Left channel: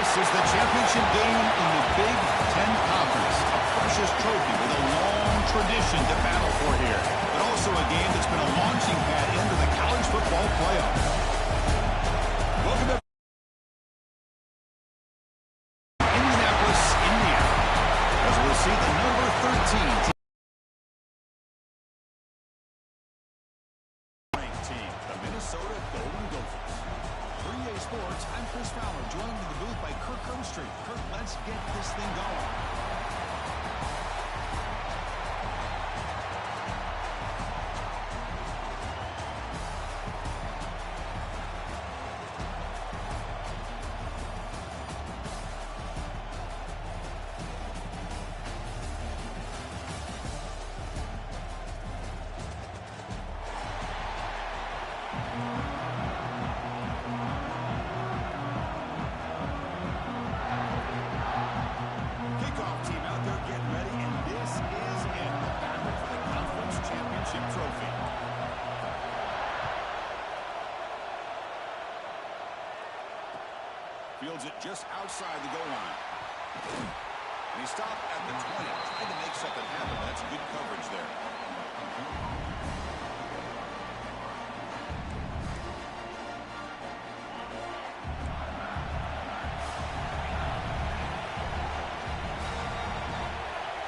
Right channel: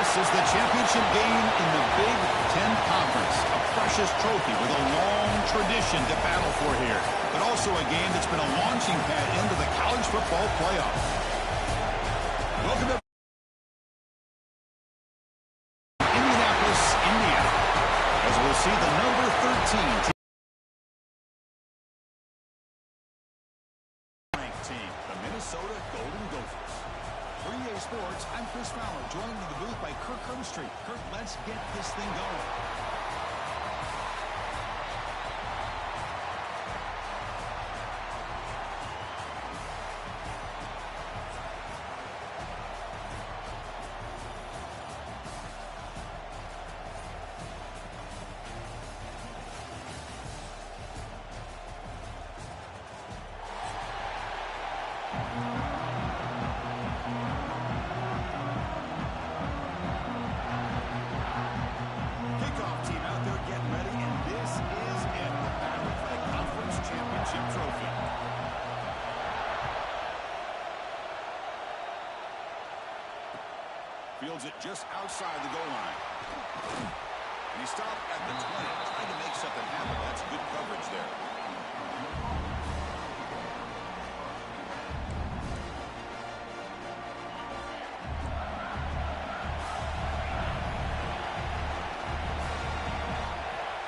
This is the championship game in the Big Ten Conference. A precious trophy with a long tradition to battle for here. But also a game that's been a launching pad into the college football playoff. Welcome to Indianapolis, Indiana. As we'll see the number 13 ranked team, the Minnesota Golden Gophers. For EA Sports, I'm Chris Fowler, joined in the booth by Kirk Herbstreit. Kirk, let's get this thing going. Trophy. Fields it just outside the goal line. And he stopped at the 20. Tried to make something happen. That's good coverage there.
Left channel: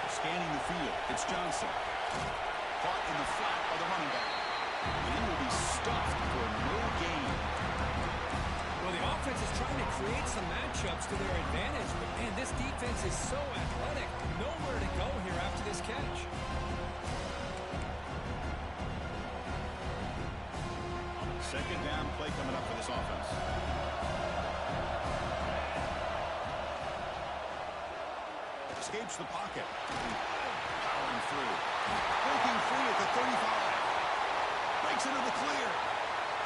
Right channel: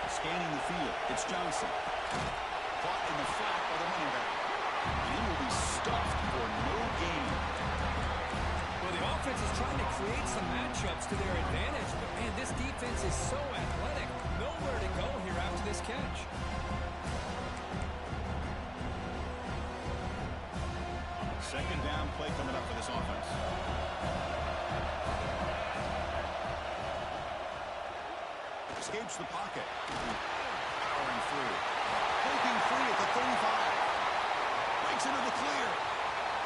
Scanning the field. It's Johnson. Caught in the flat by the running back. And he will be stuffed for no gain. Well, the offense is trying to create some matchups to their advantage. But, man, this defense is so athletic. Nowhere to go here after this catch. Second down play coming up for this offense. Escapes the pocket. Powering through. Breaking free at the 35. Breaks into the clear.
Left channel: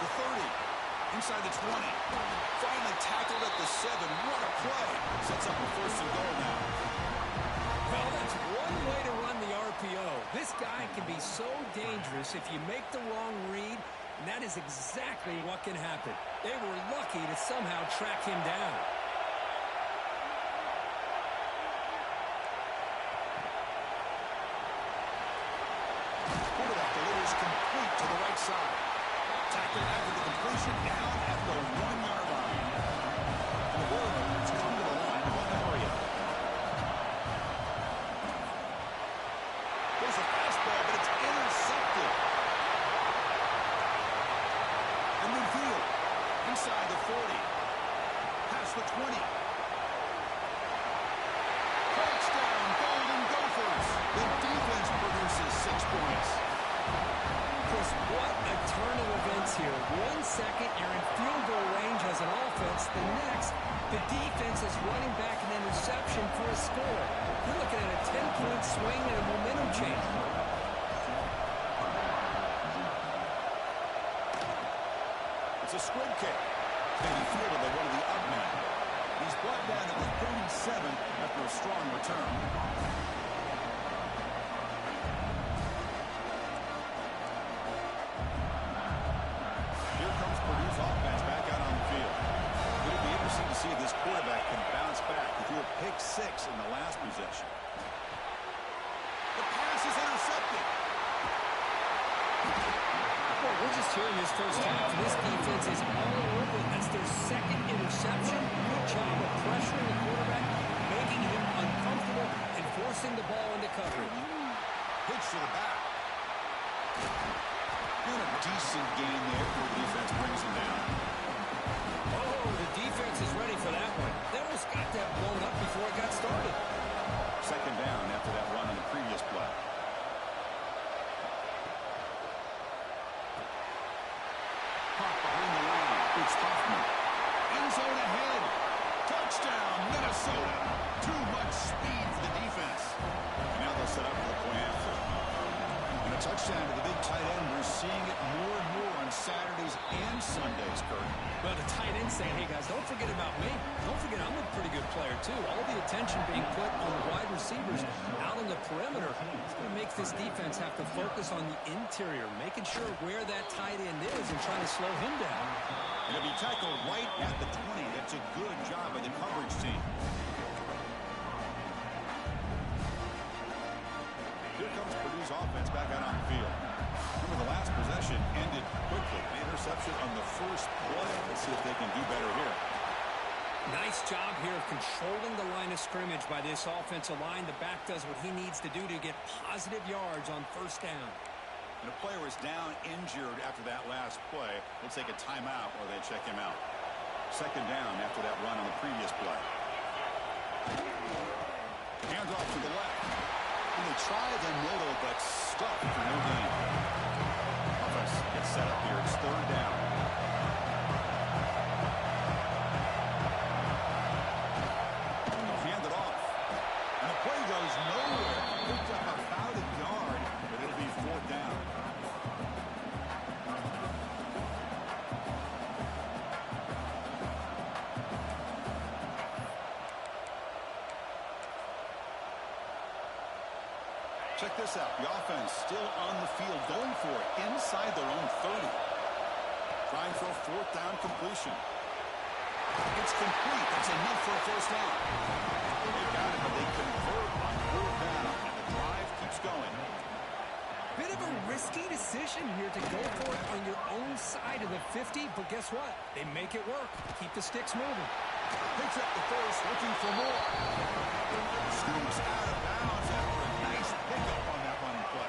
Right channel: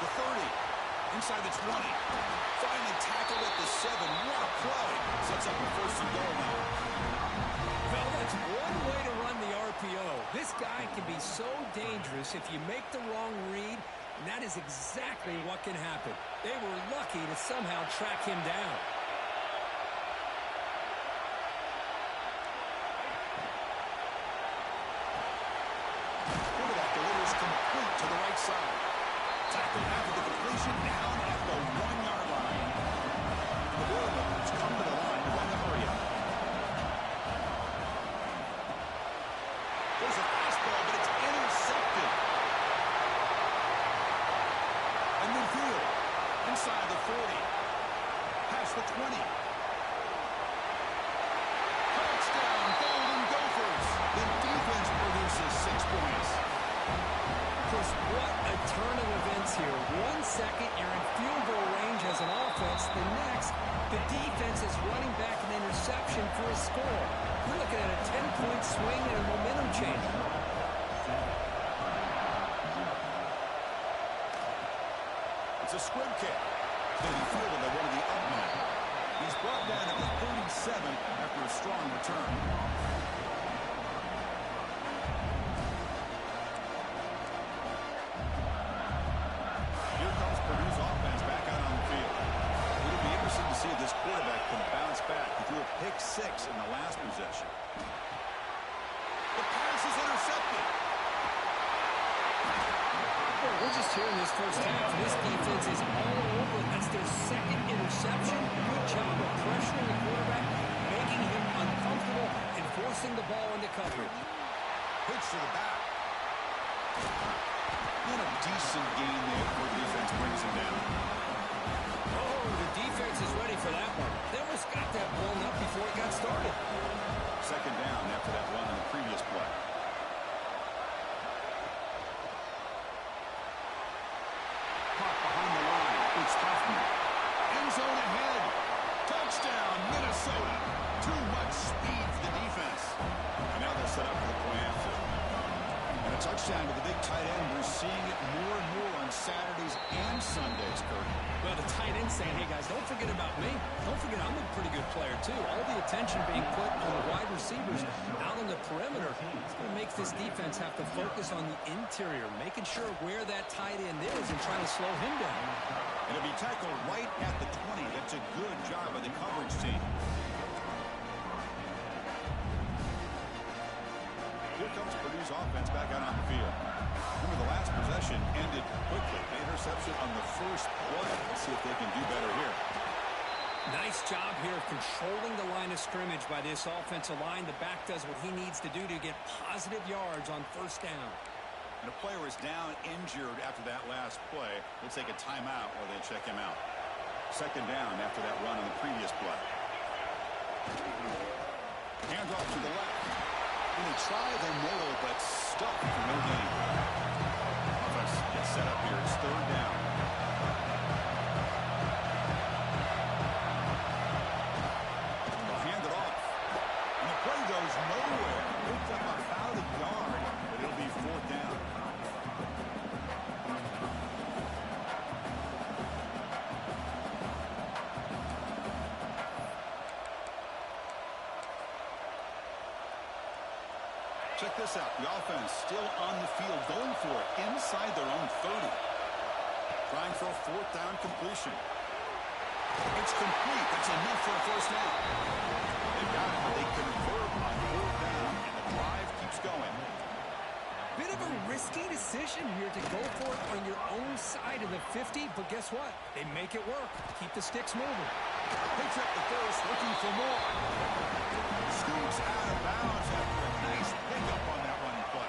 The 30. Inside the 20. Finally tackled at the 7. What a play. Sets up a first and goal now. Well, that's one way to run the RPO. This guy can be so dangerous if you make the wrong read, and that is exactly what can happen. They were lucky to somehow track him down. Delivers complete to the right side. Tackled after the completion, down at the 1-yard line. And the Boilermakers come to the line to run the hurry up. There's a fastball, but it's intercepted. And midfield, inside the 40. Past the 20. Touchdown, Golden Gophers. The defense produces 6 points. Chris, what a turn of events here. 1 second, you're in field goal range as an offense. The next, the defense is running back an interception for a score. You're looking at a 10-point swing and a momentum change. It's a squib kick. Maybe fielded by one of the up men. He's brought down at the 37 after a strong return. Purdue's offense back out on the field. It'll be interesting to see if this quarterback can bounce back. He threw a pick 6 in the last possession. The pass is intercepted. Well, we're just here in this first half. This defense is all over. That's their second interception. Good job of pressuring the quarterback, making him uncomfortable, and forcing the ball into coverage. Pitch to the back. And a decent gain there before the defense brings him down. Oh, the defense is ready for that one. They almost got that blown up before it got started. Second down after that run on the previous play. Caught behind the line. It's Huffman. End zone ahead. Touchdown, Minnesota. Too much speed for the defense. And now they'll set up for the point after. And a A touchdown to the big tight end. We're seeing it more and more on Saturdays and Sundays, Kurt. Well, the tight end saying, hey, guys, don't forget about me. Don't forget I'm a pretty good player, too. All the attention being put on the wide receivers out on the perimeter. It's going to make this defense have to focus on the interior, making sure where that tight end is and trying to slow him down. It'll be tackled right at the 20. That's a good job by the coverage team. Here comes Purdue's offense back out on the field. Remember, the last possession ended quickly. An interception on the first play. Let's see if they can do better here. Nice job here of controlling the line of scrimmage by this offensive line. The back does what he needs to do to get positive yards on first down. And a player is down injured after that last play. We'll take a timeout while they check him out. Second down after that run on the previous play. Handoff to the left. And they try the middle, but stuck for no gain. Offense gets set up here. It's third down. They'll hand it off. And the play goes nowhere. Picked up about a yard, but it'll be fourth down. Check this out. The offense still on the field, going for it inside their own 30. Trying for a fourth down completion. It's complete. That's enough for a first down. They've got it, but they convert on fourth down, and the drive keeps going. Bit of a risky decision here to go for it on your own side of the 50, but guess what? They make it work. Keep the sticks moving. Picks up the first, looking for more. Scoots out of bounds after a nice pickup on that running play.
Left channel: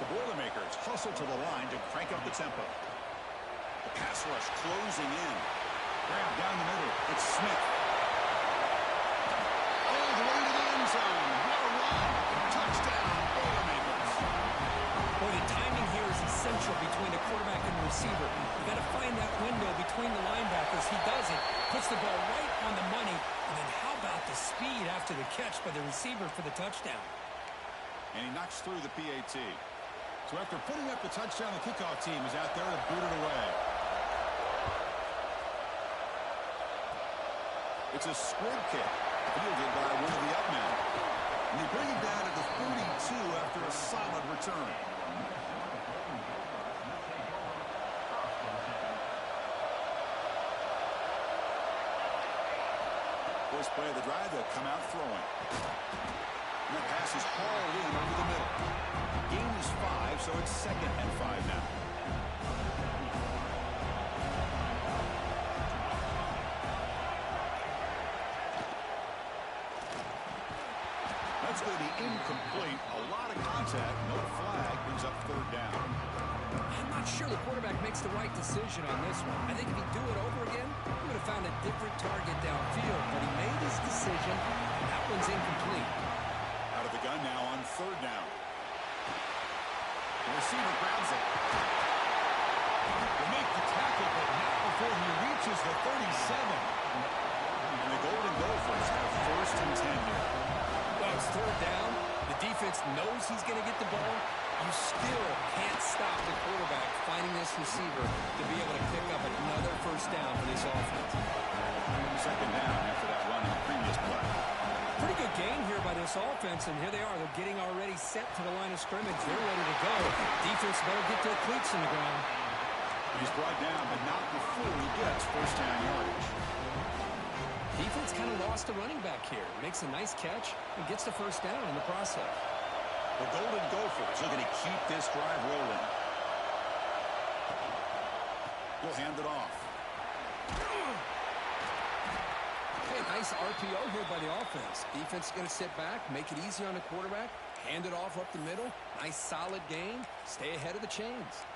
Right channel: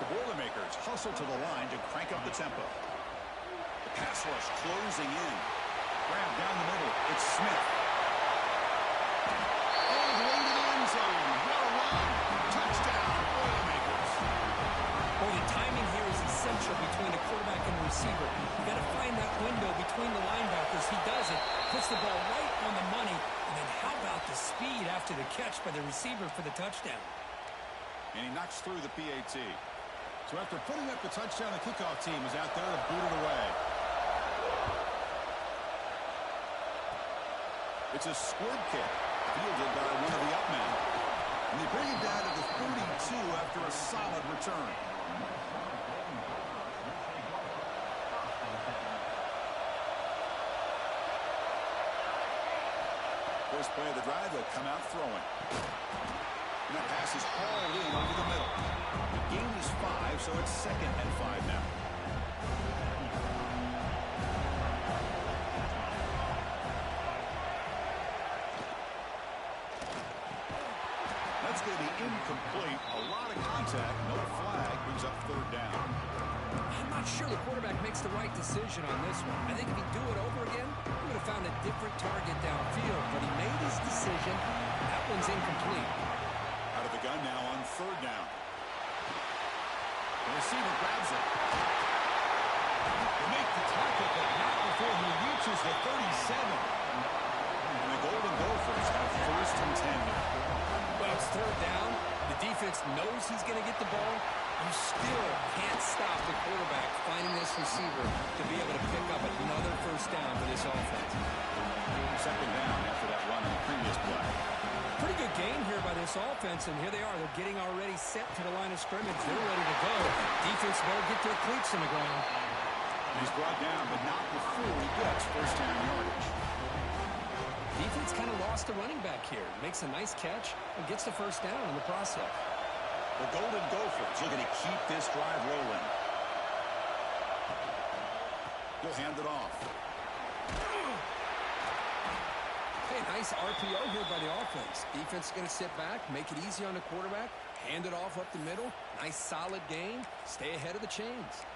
The Boilermakers hustle to the line to crank up the tempo. The pass rush closing in. Grab down the middle. It's Smith. All the way to the end zone. What a run. Touchdown, Boilermakers. Boy, the timing here is essential between the quarterback and the receiver. You got to find that window between the linebackers. He does it. Puts the ball right on the money. And then how about the speed after the catch by the receiver for the touchdown? And he knocks through the PAT. So after putting up the touchdown, the kickoff team is out there to boot it away. It's a squib kick, fielded by one of the up men. And they bring it down to the 32 after a solid return. First play of the drive, they'll come out throwing. And that pass is hauled in over the middle. The gain is 5, so it's 2nd and 5 now. That's going to be incomplete. A lot of contact, no flag, brings up third down. I'm not sure the quarterback makes the right decision on this one. I think if he'd do it over again, he would have found a different target downfield. But he made his decision. That one's incomplete. Out of the gun now on third down. The receiver grabs it. They make the tackle, but not before he reaches the 37. And the Golden Gophers have first and 10 here. Well, it's third down. The defense knows he's going to get the ball. You still can't stop the quarterback finding this receiver to be able to pick up another first down for this offense. Second down after that run on the previous play. Pretty good gain here by this offense, and here they are. They're getting already set to the line of scrimmage. They're ready to go. Defense better get their cleats in the ground. He's brought down, but not before he gets first down yardage. Defense kind of lost the running back here. Makes a nice catch and gets the first down in the process. The Golden Gophers looking to keep this drive rolling. He'll hand it off. Hey, nice RPO here by the offense. Defense is going to sit back, make it easy on the quarterback, hand it off up the middle. Nice solid gain. Stay ahead of the chains.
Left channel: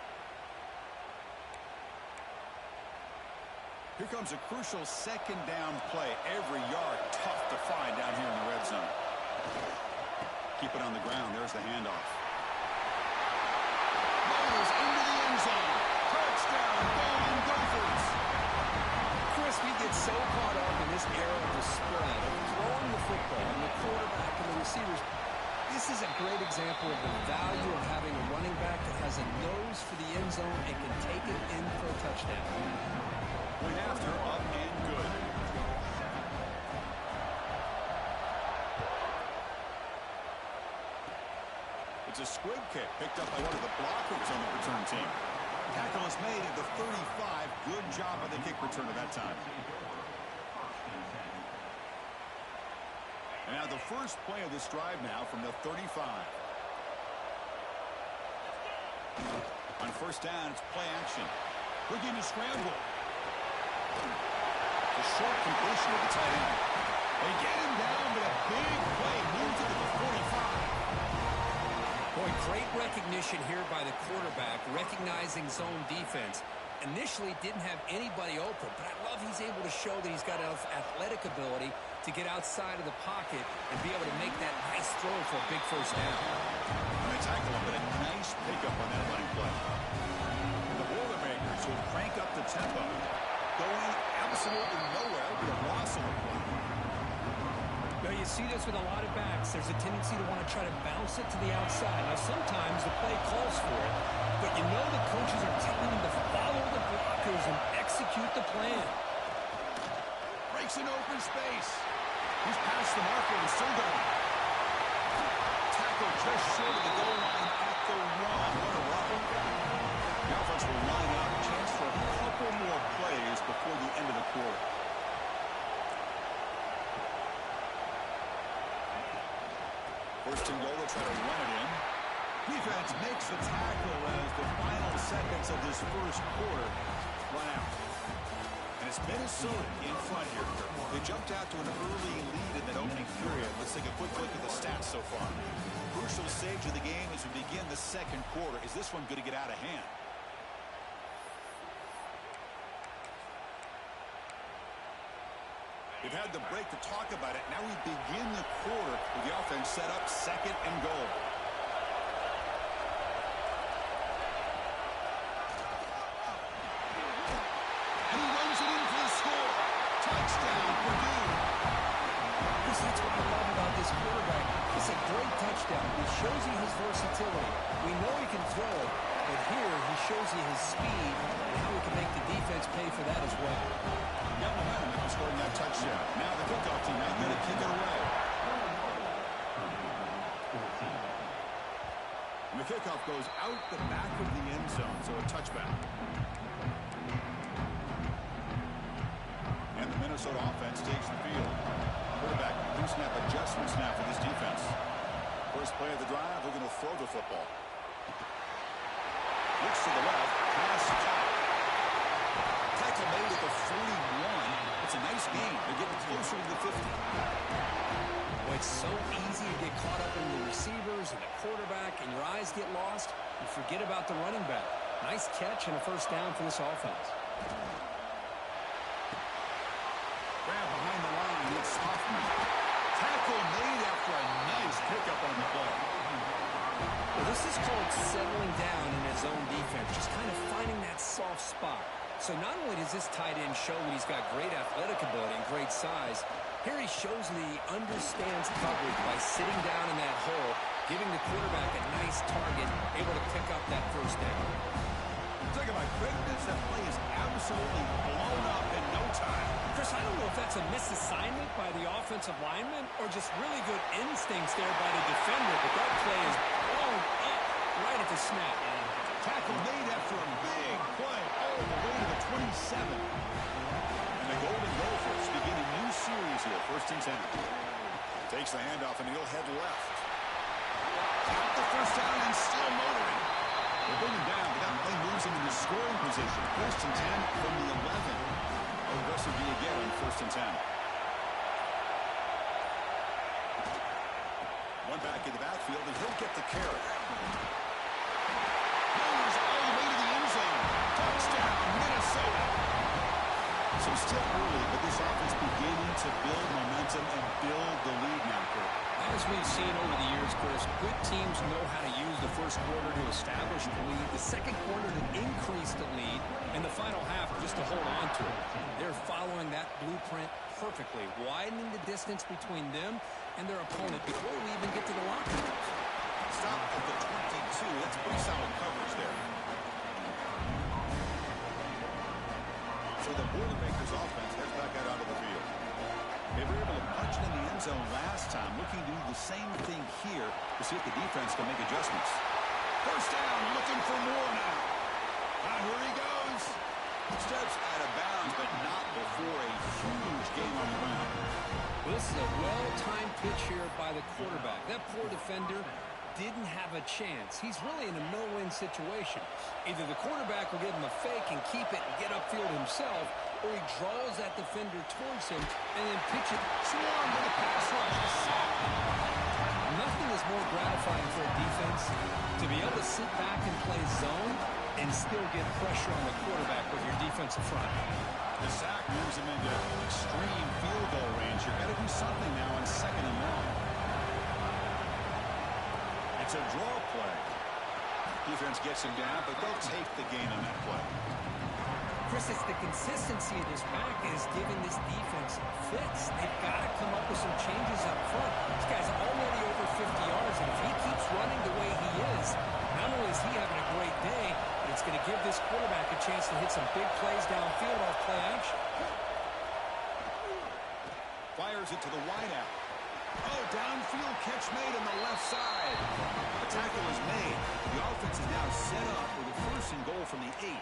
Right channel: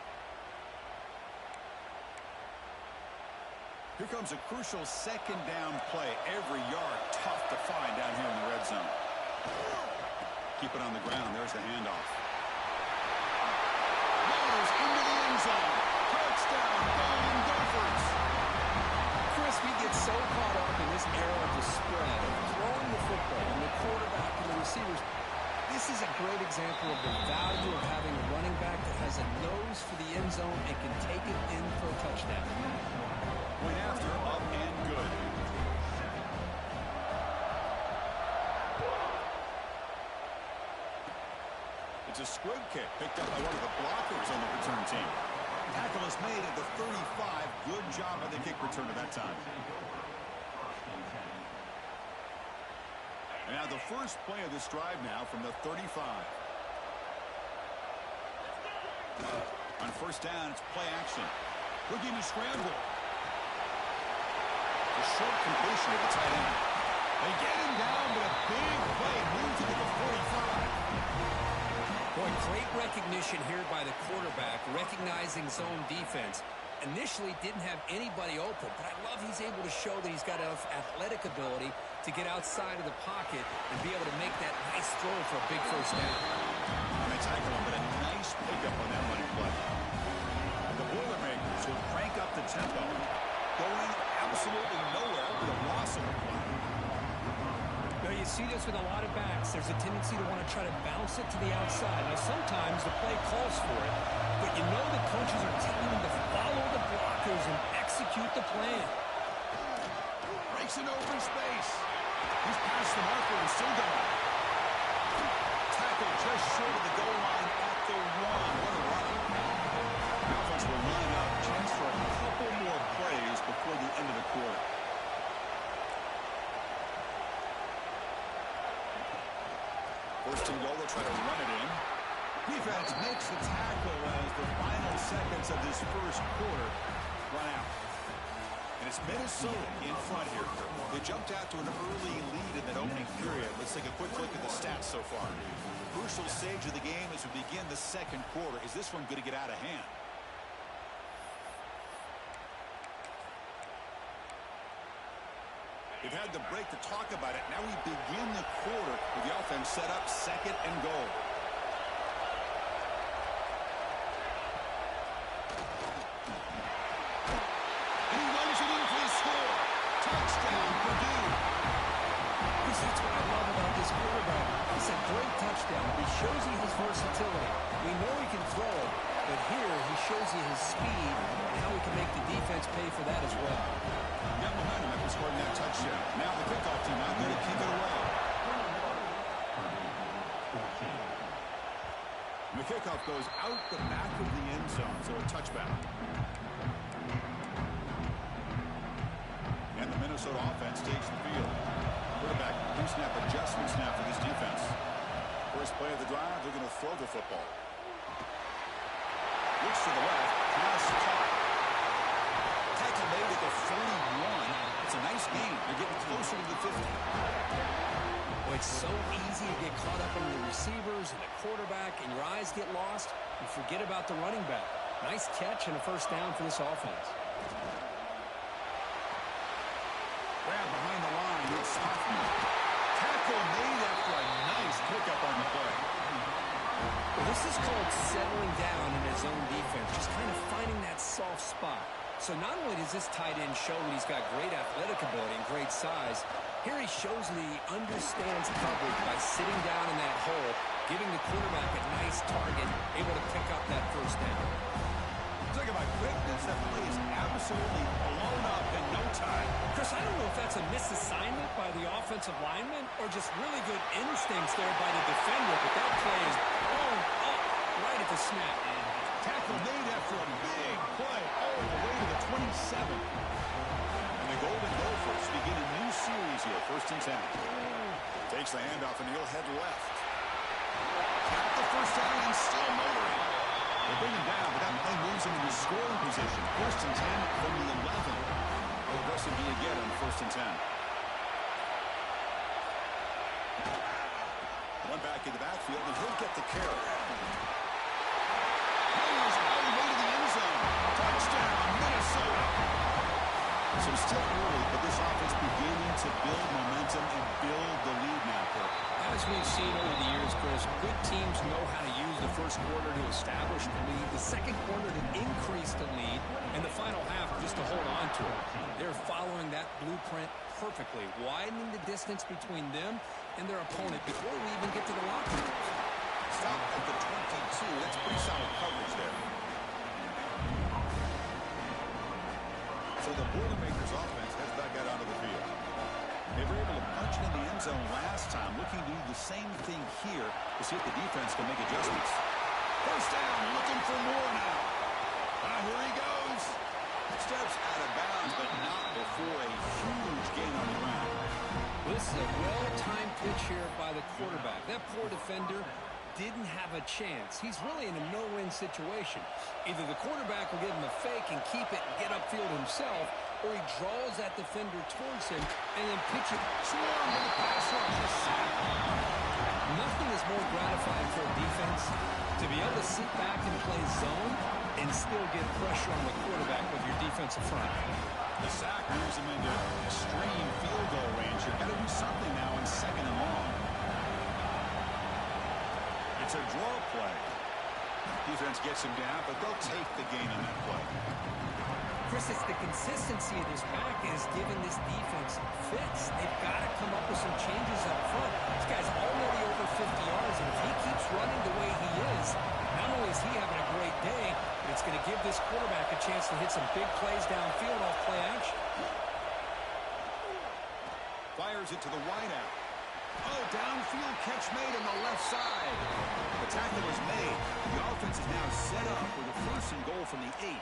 Here comes a crucial second down play. Every yard tough to find down here in the red zone. Keep it on the ground. There's the handoff. Motors into the end zone. Touchdown, Golden Gophers. Chris, we get so caught up in this era of the spread, of throwing the football and the quarterback and the receivers. This is a great example of the value of having a running back zone and can take it in for a touchdown. Point after, up and good. It's a squib kick picked up by one of the blockers on the return team. Tackle is made at the 35. Good job by the kick returner that time. And now the first play of this drive now from the 35. On first down, it's play action. Looking to scramble. The short completion of the tight end. They get him down, but a big play moves it to the 45. Boy, great recognition here by the quarterback, recognizing zone defense. Initially didn't have anybody open, but I love he's able to show that he's got enough athletic ability to get outside of the pocket and be able to make that nice throw for a big first down. And they tackle him, but a nice pickup on that running play. And the Boilermakers will crank up the tempo, going absolutely nowhere with a loss on the play. Now, you see this with a lot of backs. There's a tendency to want to try to bounce it to the outside. Now, sometimes the play calls for it, but you know the coaches are telling them to follow the blockers and execute the plan. Breaks an open space. He's past the marker and still going. Tackle just short of the goal line at the 1. What a run. The offense will line up. Chance for a couple more plays before the end of the quarter. First and goal, they'll try to run it in. Defense makes the tackle as the final seconds of this first quarter run out. And it's Minnesota in front here. They jumped out to an early lead in that opening period. Let's take a quick look at the stats so far. Crucial stage of the game as we begin the second quarter. Is this one going to get out of hand? They've had the break to talk about it. Now we begin the quarter with the offense set up second and goal. And he runs it in for the score. Touchdown, Purdue. Chris, that's what I love about this quarterback. It's a great touchdown. He shows you his versatility. We know he can throw it, but here he shows you his speed and how he can make the defense pay for that as well. Got momentum after scoring that touchdown. Now the kickoff team out there to kick it away. And the kickoff goes out the back of the end zone, so a touchback. And the Minnesota offense takes the field. Quarterback pre-snap adjustment snap for this defense. First play of the drive, they're going to throw the football. Looks to the left, pass caught. Tackle made at the 41. It's a nice game. They're getting closer to the 50. Well, it's so easy to get caught up in the receivers and the quarterback, and your eyes get lost. You forget about the running back. Nice catch and a first down for this offense. Grab behind the line. It's Hoffman. Tackle made after a nice pickup on the play. Well, this is called settling down in his own defense, just kind of finding that soft spot. So not only does this tight end show that he's got great athletic ability and great size, here he shows that he understands coverage by sitting down in that hole, giving the quarterback a nice target, able to pick up that first down. Talk about quickness. That play is absolutely blown up in no time. Chris, I don't know if that's a misassignment by the offensive lineman or just really good instincts there by the defender, but that play is blown up right at the snap. Tackle made after a big play all the way to the 27. And the Golden Gophers begin a new series here, first and 10. Takes the handoff and he'll head left. Got the first down and still motoring. They bring him down, but that play moves him into scoring position. First and 10 from the 11. How aggressive do you get on first and 10? One back in the backfield, and he'll get the carry. Motors all the way to the end zone. Touchdown, Minnesota. So still early, but this offense beginning to build momentum and build the lead now, Kurt. As we've seen over the years, Chris, good teams know how to use the first quarter to establish the lead, the second quarter to increase the lead, and the final half just to hold on to it. They're following that blueprint perfectly, widening the distance between them and their opponent before we even get to the locker rooms. Stop at the 22. That's pretty solid coverage there. So the Boilermakers offense heads back out onto the field. They were able to punch it in the end zone last time, looking to do the same thing here to see if the defense can make adjustments. First down, looking for more now. Here he goes. Steps out of bounds, but not before a huge gain on the ground. This is a well-timed pitch here by the quarterback. That poor defender didn't have a chance. He's really in a no-win situation. Either the quarterback will give him a fake and keep it and get upfield himself, or he draws that defender towards him and then pitch it. Swarm with a pass rush, a sack. Nothing is more gratifying for a defense to be able to sit back and play zone and still get pressure on the quarterback with your defensive front. The sack moves him into extreme field goal range. You've got to do something now on 2nd and long. It's a draw play. Defense gets him down, but they'll take the gain on that play. Chris, it's the consistency of this back is giving this defense fits. They've got to come up with some changes up front. This guy's already over 50 yards, and if he keeps running the way he is, not only is he having a great day, but it's going to give this quarterback a chance to hit some big plays downfield off play action. Fires it to the wideout. Oh, downfield catch made on the left side. The tackle is made. The offense is now set up with a 1st and goal from the 8.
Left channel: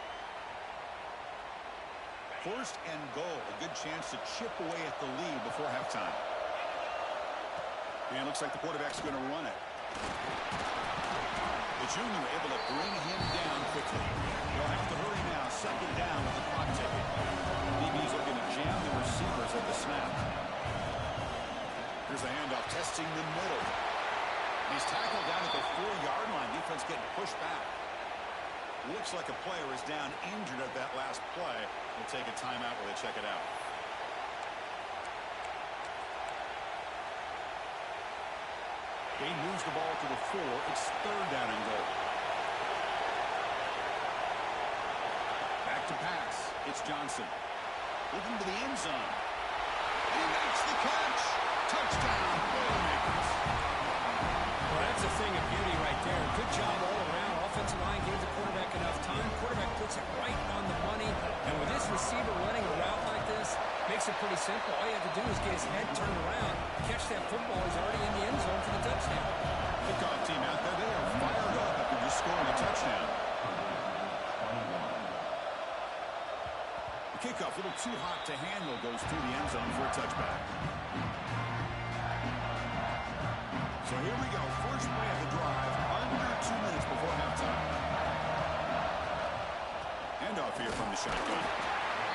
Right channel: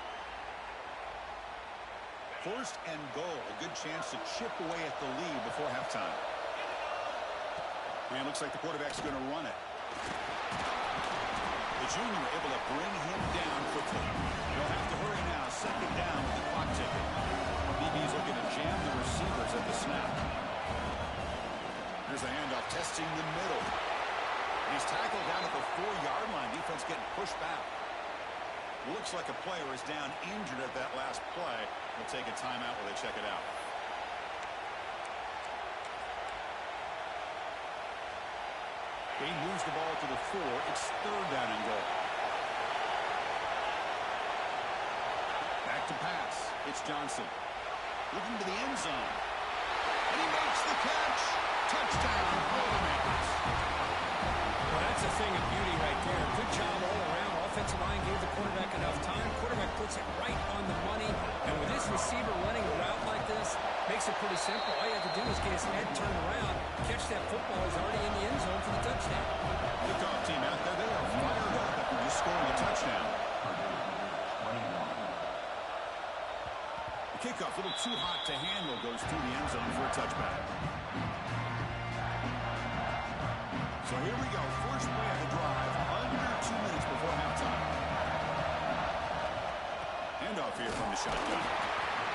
1st and goal. A good chance to chip away at the lead before halftime. And it looks like the quarterback's going to run it. The junior able to bring him down quickly. They'll have to hurry now. 2nd down with the clock ticking. DB's looking to jam the receivers at the snap. Here's the handoff, testing the middle. And he's tackled down at the 4-yard line. Defense getting pushed back. Looks like a player is down injured at that last play. We'll take a timeout while they check it out. He moves the ball to the 4. It's 3rd down and goal. Back to pass. It's Johnson. Looking to the end zone. And he makes the catch. Touchdown, Boilermakers. Well, that's a thing of beauty right there. Good job all around. Offensive line gave the quarterback enough time. Quarterback puts it right on the money. And with this receiver running a route like this, makes it pretty simple. All you have to do is get his head turned around, catch that football. He's already in the end zone for the touchdown. Kickoff team out there. They are fired up after just scoring a touchdown. The kickoff, a little too hot to handle, goes through the end zone for a touchback. So here we go. First play of the drive, under 2 minutes before halftime. Handoff here from the shotgun.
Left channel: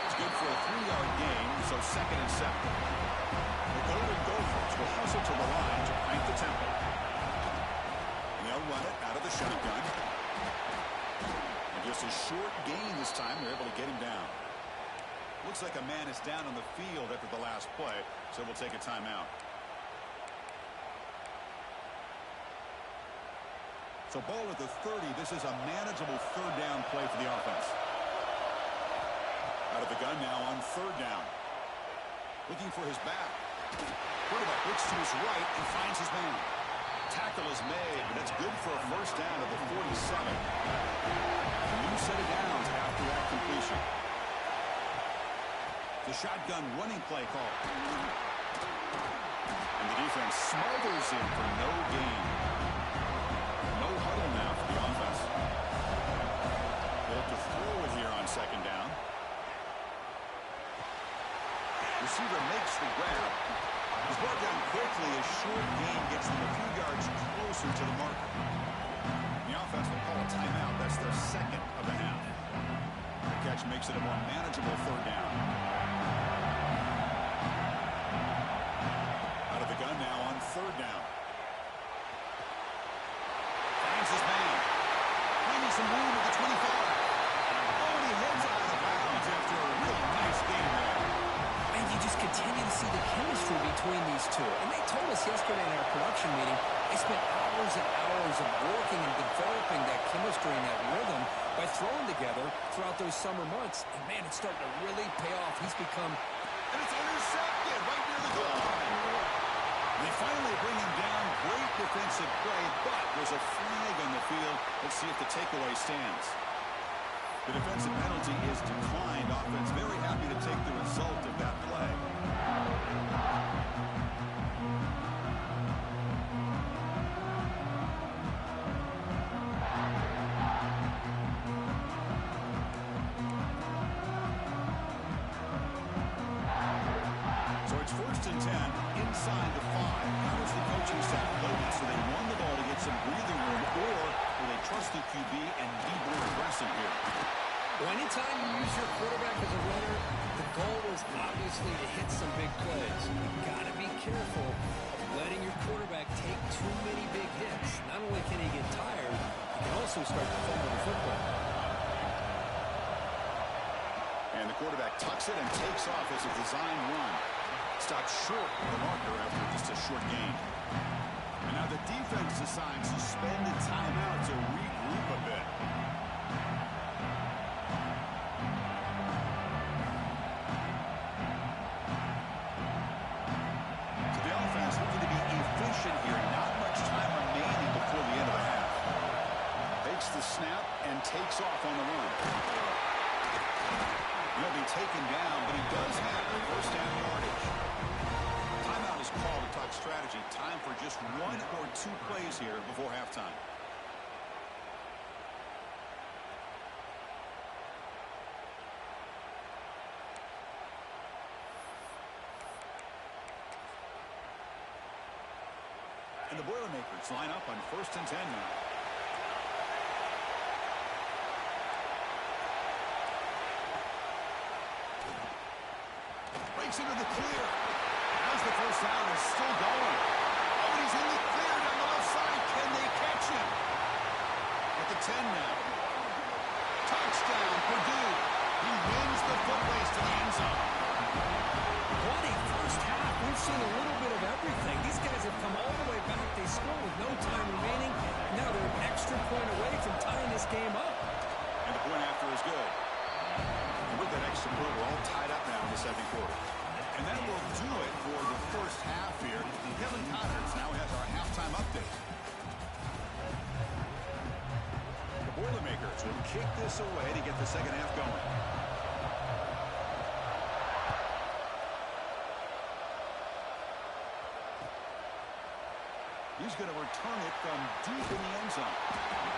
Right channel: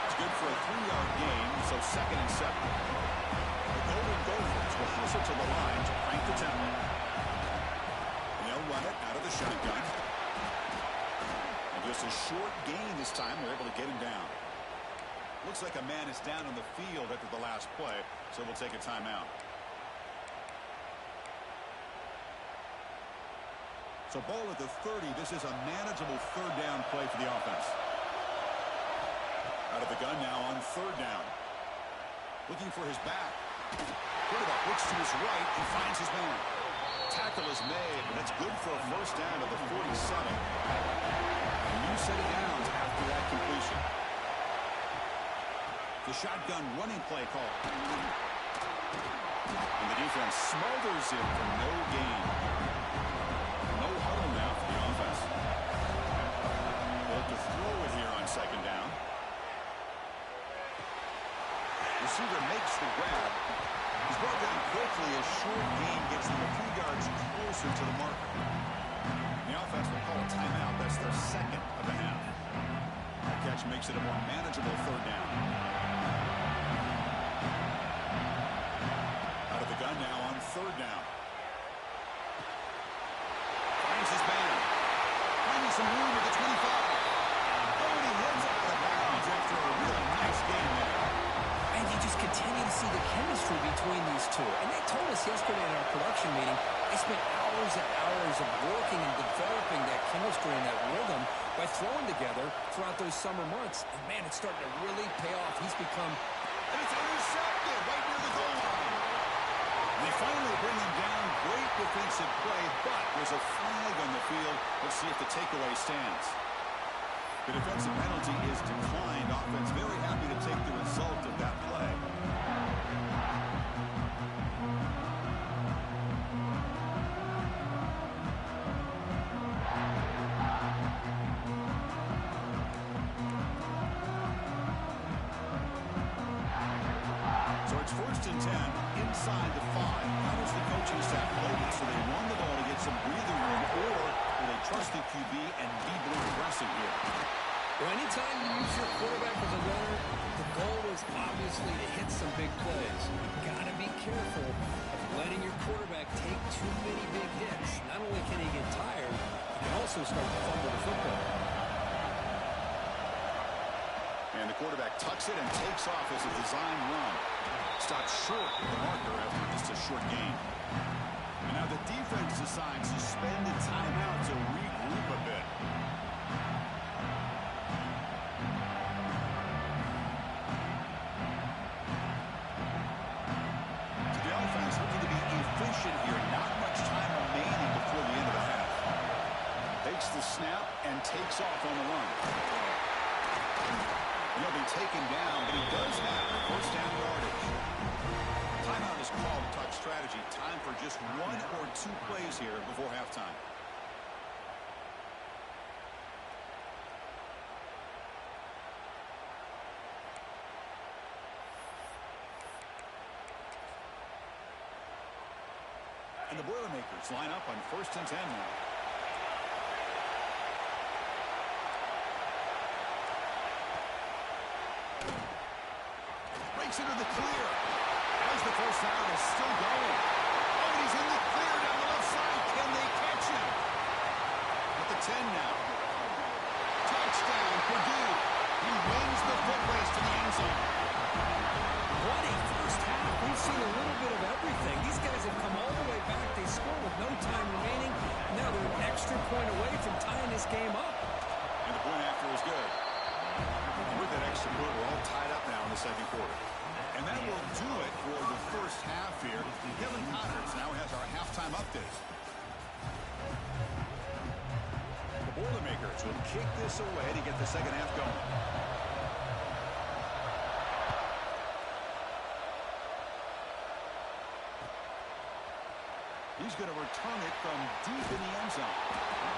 It's good for a 3-yard gain, so 2nd and 7. The Golden Gophers will hustle to the line to crank the tempo. And they'll run it out of the shotgun. And just a short gain this time. They're able to get him down. Looks like a man is down on the field after the last play, so we'll take a timeout. So ball at the 30. This is a manageable 3rd down play for the offense. Out of the gun now on 3rd down. Looking for his back. Quarterback looks to his right and finds his man. Tackle is made, but that's good for a 1st down to the 47. A new set of downs after that completion. The shotgun running play call. And the defense smothers him for no gain. No huddle now for the offense. They'll have to throw it here on 2nd down. Receiver makes the grab. He's brought down quickly. A short gain gets them a few yards closer to the marker. The offense will call a timeout. That's their 2nd of the half. The catch makes it a more manageable 3rd down. Out of the gun now on 3rd down. Finds his man. Finding some room at the 25. Oh, and he heads out of bounds after a real nice game there. And you just continue to see the chemistry between these two. And they told us yesterday in our production meeting, they spent hours and hours of working and developing that chemistry and that rhythm by throwing together throughout those summer months. And, man, it's starting to really pay off. He's become... And it's intercepted right near the goal line. And they finally bring him down. Great defensive play, but there's a flag on the field. Let's see if the takeaway stands. The defensive penalty is declined. Offense very happy to take the result of that play. So it's 1st and 10 inside the 5. How does the coaching staff play this? So they run the ball to get some breathing room, or will they trust the QB and be more aggressive here? Well, anytime you use your quarterback as a runner, the goal is obviously to hit some big plays. You've got to be careful of letting your quarterback take too many big hits. Not only can he get tired, he can also start to fumble the football. And the quarterback tucks it and takes off as a designed run. Stopped short of the marker after just a short gain. And now the defense decides to spend a timeout to regroup a bit. So the offense looking to be efficient here. Not much time remaining before the end of the half. Takes the snap and takes off on the run. He'll be taken down, but he does have the first down yardage. Timeout is called to talk strategy. Time for just 1 or 2 plays here before halftime. And the Boilermakers line up on 1st and 10 now. Breaks into the clear. As the first down is still going. Oh, and he's in the clear down the left side. Can they catch him? At the 10 now. Touchdown, Purdue. He wins the foot race to the end zone. What a first half. We've seen a little bit of everything. These guys have come all the way back. They score with no time remaining. Now they're an extra point away from tying this game up. And the point after is good. And with that extra point, we're all tied up now in the second quarter. And that will do it for the first half here. Kevin Connors now has our halftime update. The Boilermakers will kick this away to get the second half going. He's going to return it from deep in the end zone.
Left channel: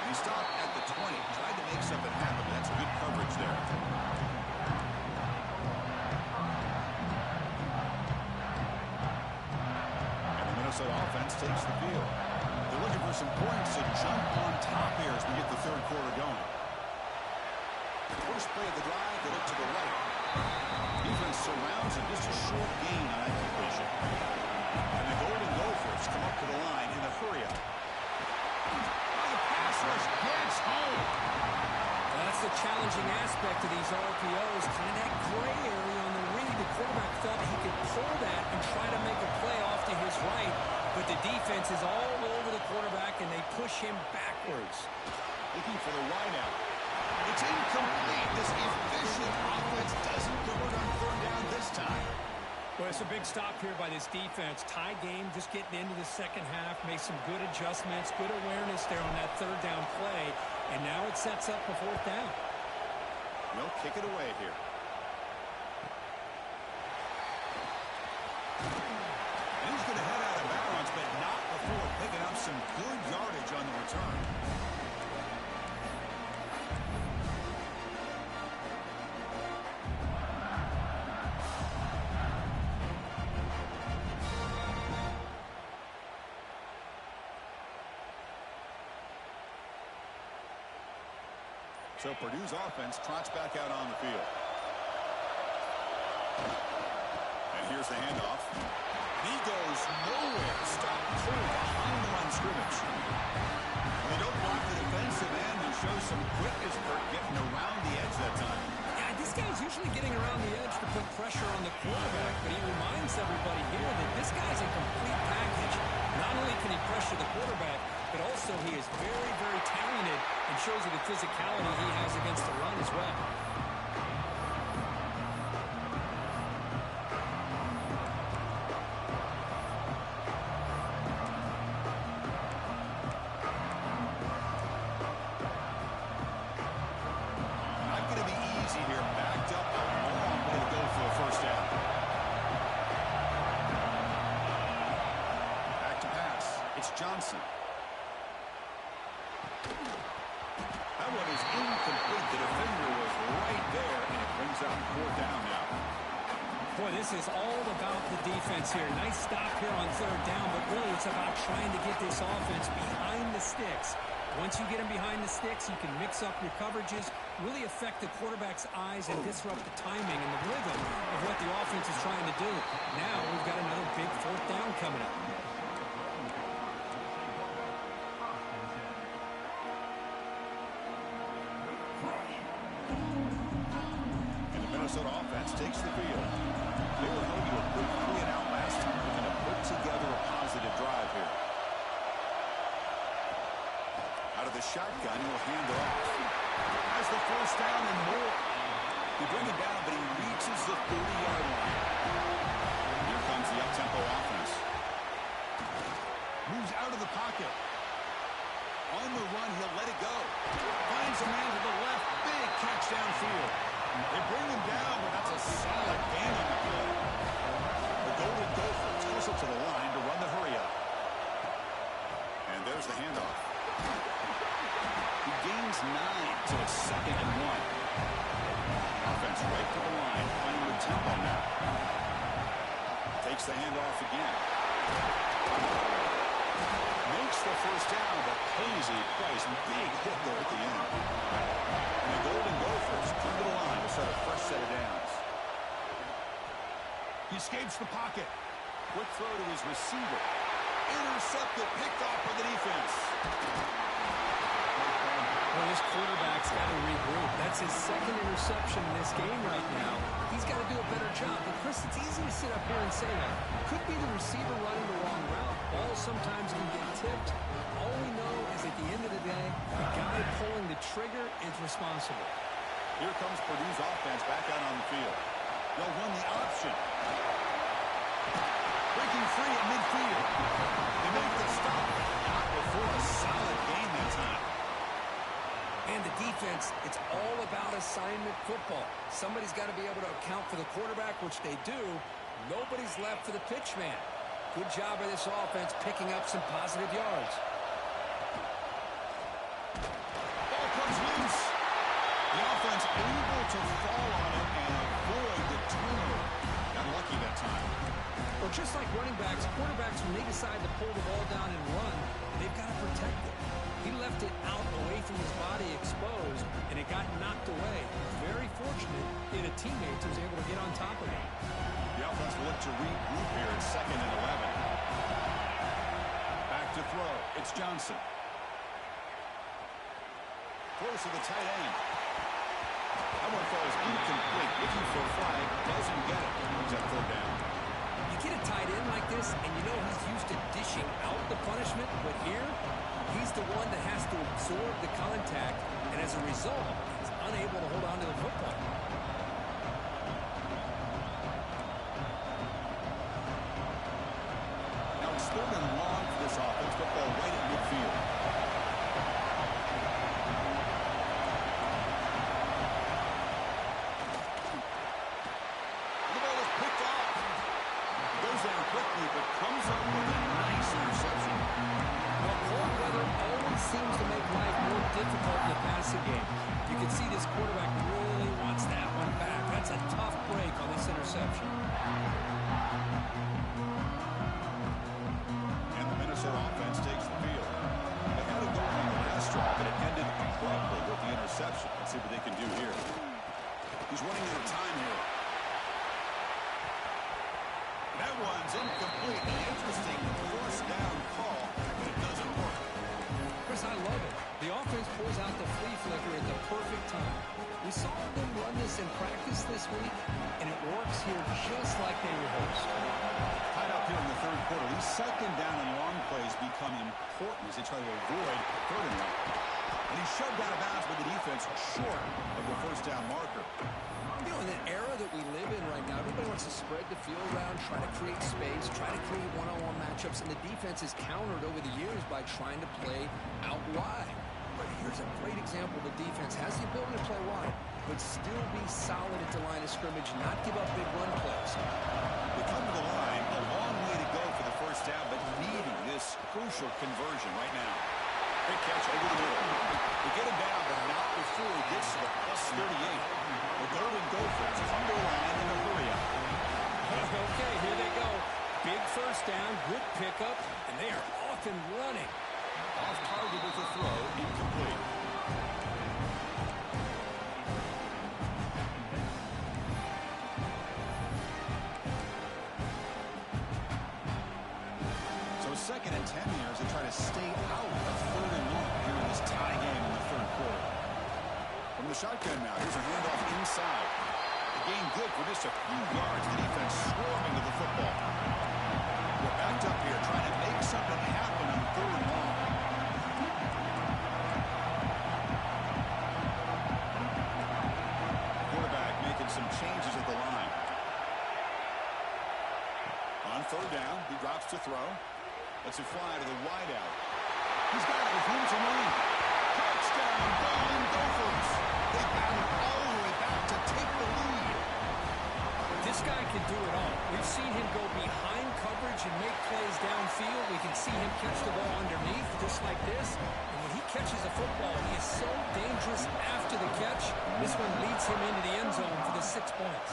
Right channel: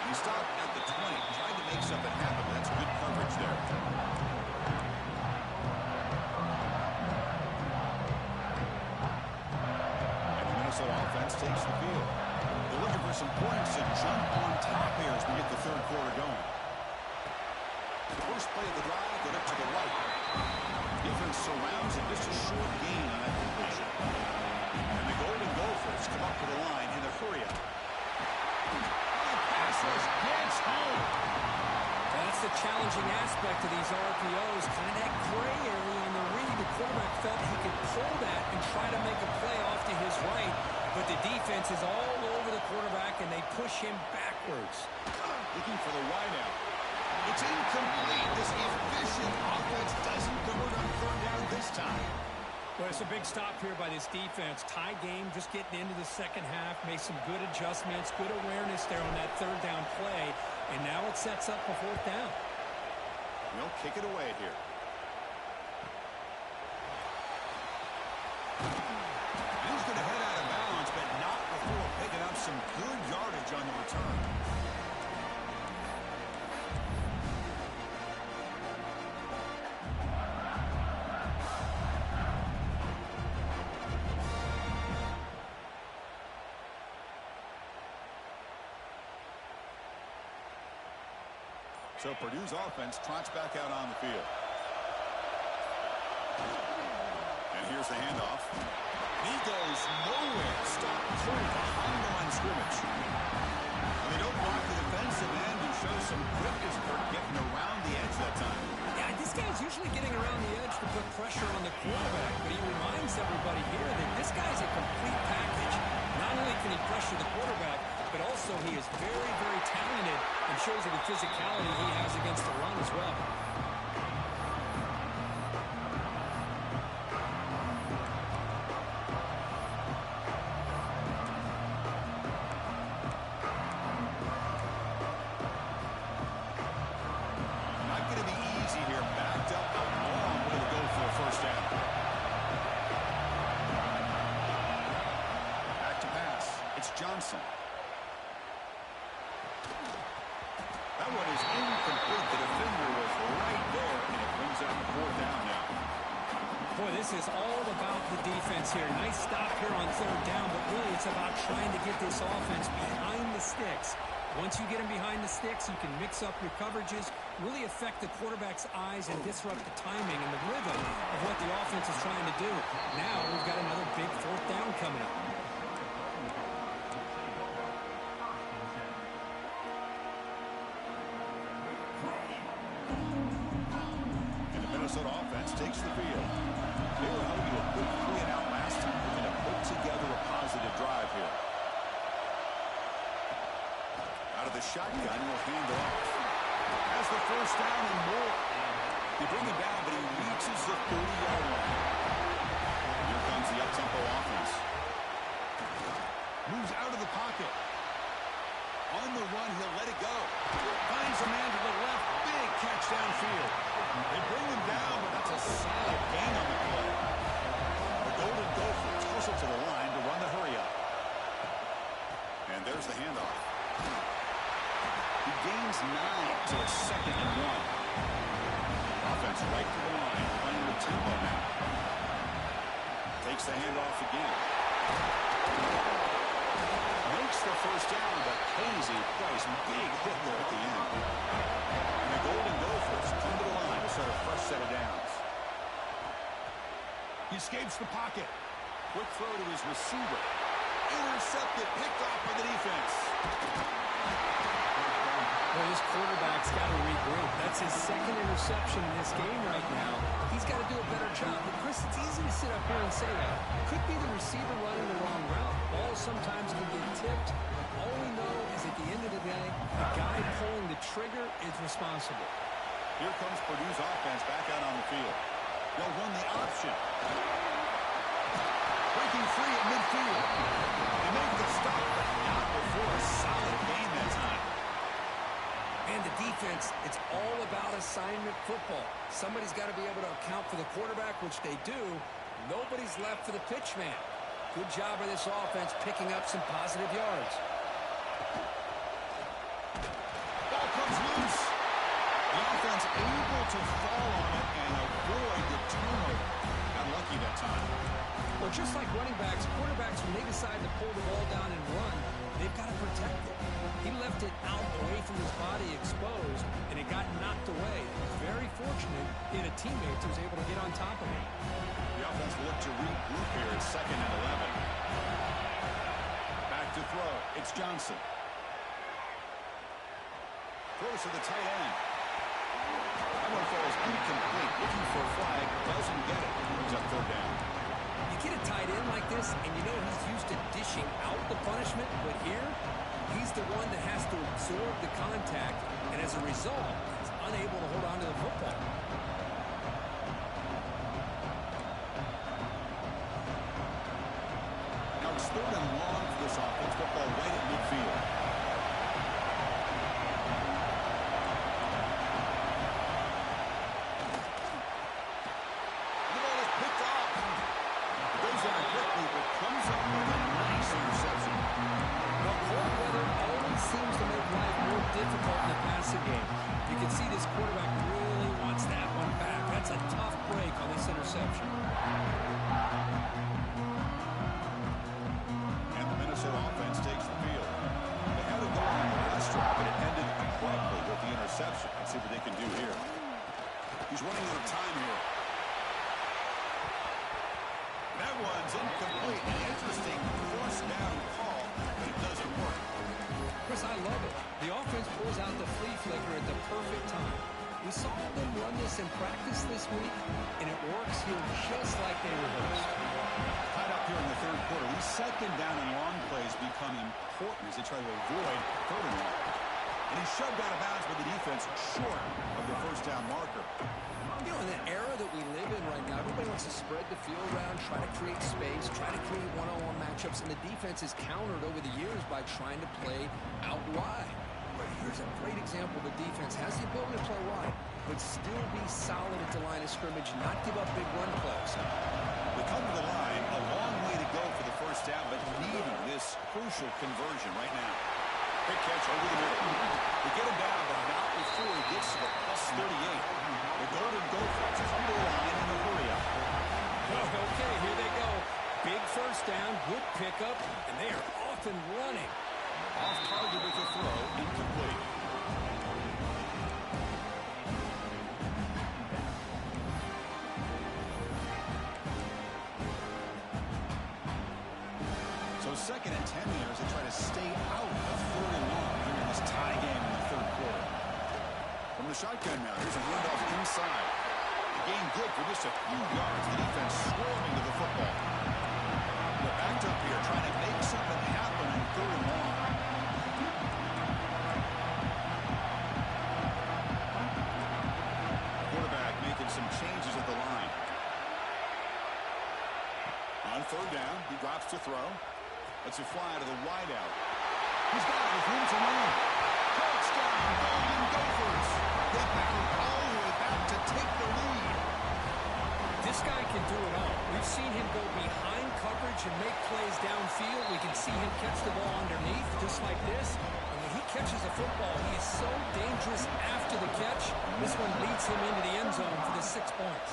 He stopped at the 20, tried to make something happen, but that's good coverage there. And the Minnesota offense takes the field. They're looking for some points to jump on top here as we get the third quarter going. The first play of the drive, they look to the right. Defense surrounds him, just a short gain on that completion. And the Golden Gophers come up to the line in a hurry-up. Oh, the pass rush gets home. That's the challenging aspect of these RPOs. Kind of that gray area on the read. The quarterback felt he could pull that and try to make a play off to his right. But the defense is all over the quarterback, and they push him backwards. Looking for the wideout. It's incomplete. This efficient offense doesn't convert on third down this time. Well, it's a big stop here by this defense. Tie game, just getting into the second half, made some good adjustments, good awareness there on that third down play, and now it sets up a fourth down. They'll kick it away here. And he's going to head out of bounds, but not before picking up some good yardage on the return. So Purdue's offense trots back out on the field. And here's the handoff. And he goes nowhere. Stop cold behind the line of scrimmage. And they don't block the defensive end and show some quickness, Kurt, getting around the edge that time. Yeah, this guy's usually getting around the edge to put pressure on the quarterback, but he reminds everybody here that this guy's a complete package. Not only can he pressure the quarterback, but also he is very, very talented and shows you the physicality he has against the run as well. here, backed up a long way to go for a first down. Back to pass. It's Johnson. That one is incomplete. The defender was right there, and it brings up fourth down now. Boy, this is all about the defense here. Nice stop here on third down, but really it's about trying to get this offense behind the sticks. Once you get them behind the sticks, you can mix up your coverages, really affect the quarterback's eyes and disrupt the timing and the rhythm of what the offense is trying to do. Now we've got another big fourth down coming up. And the Minnesota offense takes the field. They were held to a quick 3-and-out last time. Looking to put together a positive drive here. Out of the shotgun, he'll hand it off. Has the first down and more. They bring him down, but he reaches the 30-yard line. Here comes the up-tempo offense. Moves out of the pocket. On the run, he'll let it go. Finds a man to the left. Big catch downfield. They bring him down, but that's a solid gain on the play. The Golden Gophers hustle to the line to run the hurry-up. And there's the handoff. He gains 9, so it's 2nd and 1. Offense right to the line, playing with tempo now. Takes the handoff again. Makes the first down, but pays a price. Big hit there at the end. And the Golden Gophers come to the line to start a fresh set of downs. He escapes the pocket. Quick throw to his receiver. Intercepted, picked off by the defense. Well, this quarterback's got to regroup. That's his 2nd interception in this game right now. He's got to do a better job. But, Chris, it's easy to sit up here and say that. Could be the receiver running the wrong route. Balls sometimes can get tipped. All we know is at the end of the day, the guy pulling the trigger is responsible. Here comes Purdue's offense back out on the field. They'll run the option. Breaking free at midfield. They make the stop, but not before a solid gain that time. And the defense, it's all about assignment football. Somebody's got to be able to account for the quarterback, which they do. Nobody's left for the pitch man. Good job by this offense picking up some positive yards. Ball comes loose. The offense able to fall on it and avoid the turnover. Got lucky that time. Well, just like running backs, quarterbacks, when they decide to pull the ball down and run, they've got to protect it. He left it out away from his body exposed, and it got knocked away. He was very fortunate he had a teammate who was able to get on top of it. The offense will look to regroup here at 2nd and 11. Back to throw. It's Johnson. Throws to the tight end. That one falls incomplete. Looking for a flag. Doesn't get it. Brings up 3rd down. You get a tight end like this, and you know he's used to dishing out the punishment, but here, he's the one that has to absorb the contact, and as a result, he's unable to hold on to the football. Now it's 3rd and long for this offense. Football right at midfield. The ball is picked off. It goes down quickly, but comes up with a nice interception. Well, cold weather always seems to make life more difficult in the passing game. You can see this quarterback really wants that one back. That's a tough break on this interception. And the Minnesota offense takes the field. They had it going on the last drive, but it ended abruptly with the interception. Let's see what they can do here. He's running out of time here. That one's incomplete. An interesting forced down call, but it doesn't work. Chris, I love it. The offense pulls out the flea flicker at the perfect time. We saw them run this in practice this week, and it works here just like they rehearsed. Tied up here in the 3rd quarter. These 2nd down and long plays become important as they try to avoid 3rd and long. And he's shoved out of bounds by the defense short of the first down marker. You know, in the era that we live in right now, everybody wants to spread the field around, try to create space, try to create one-on-one matchups, and the defense is countered over the years by trying to play out wide. But Here's a great example. The defense has the ability to play wide, but still be solid at the line of scrimmage, not give up big run plays. We come to the line, a long way to go for the first down, but needing this crucial conversion right now. Big catch over the middle. They get him down, but not before he gets to the +38. The Golden Gophers come to the line in a hurry-up. Okay, here they go. Big first down, good pickup, and they are off and running. Off target with the throw, incomplete. So 2nd and 10 here as they try to stay out of 3rd and long here in this tie game in the 3rd quarter. From the shotgun now, here's a handoff inside. The gain good for just a few yards. The defense swarming to the football. They're backed up here trying to make something happen on 3rd and long. Quarterback making some changes at the line. On 3rd down, he drops to throw. Lets it fly to the wideout. He's got it with room to run. Touchdown, Golden Gophers. They battled all the way back to take the lead. This guy can do it all. We've seen him go behind coverage and make plays downfield. We can see him catch the ball underneath, just like this. And when he catches a football, he is so dangerous after the catch. This one leads him into the end zone for the 6 points.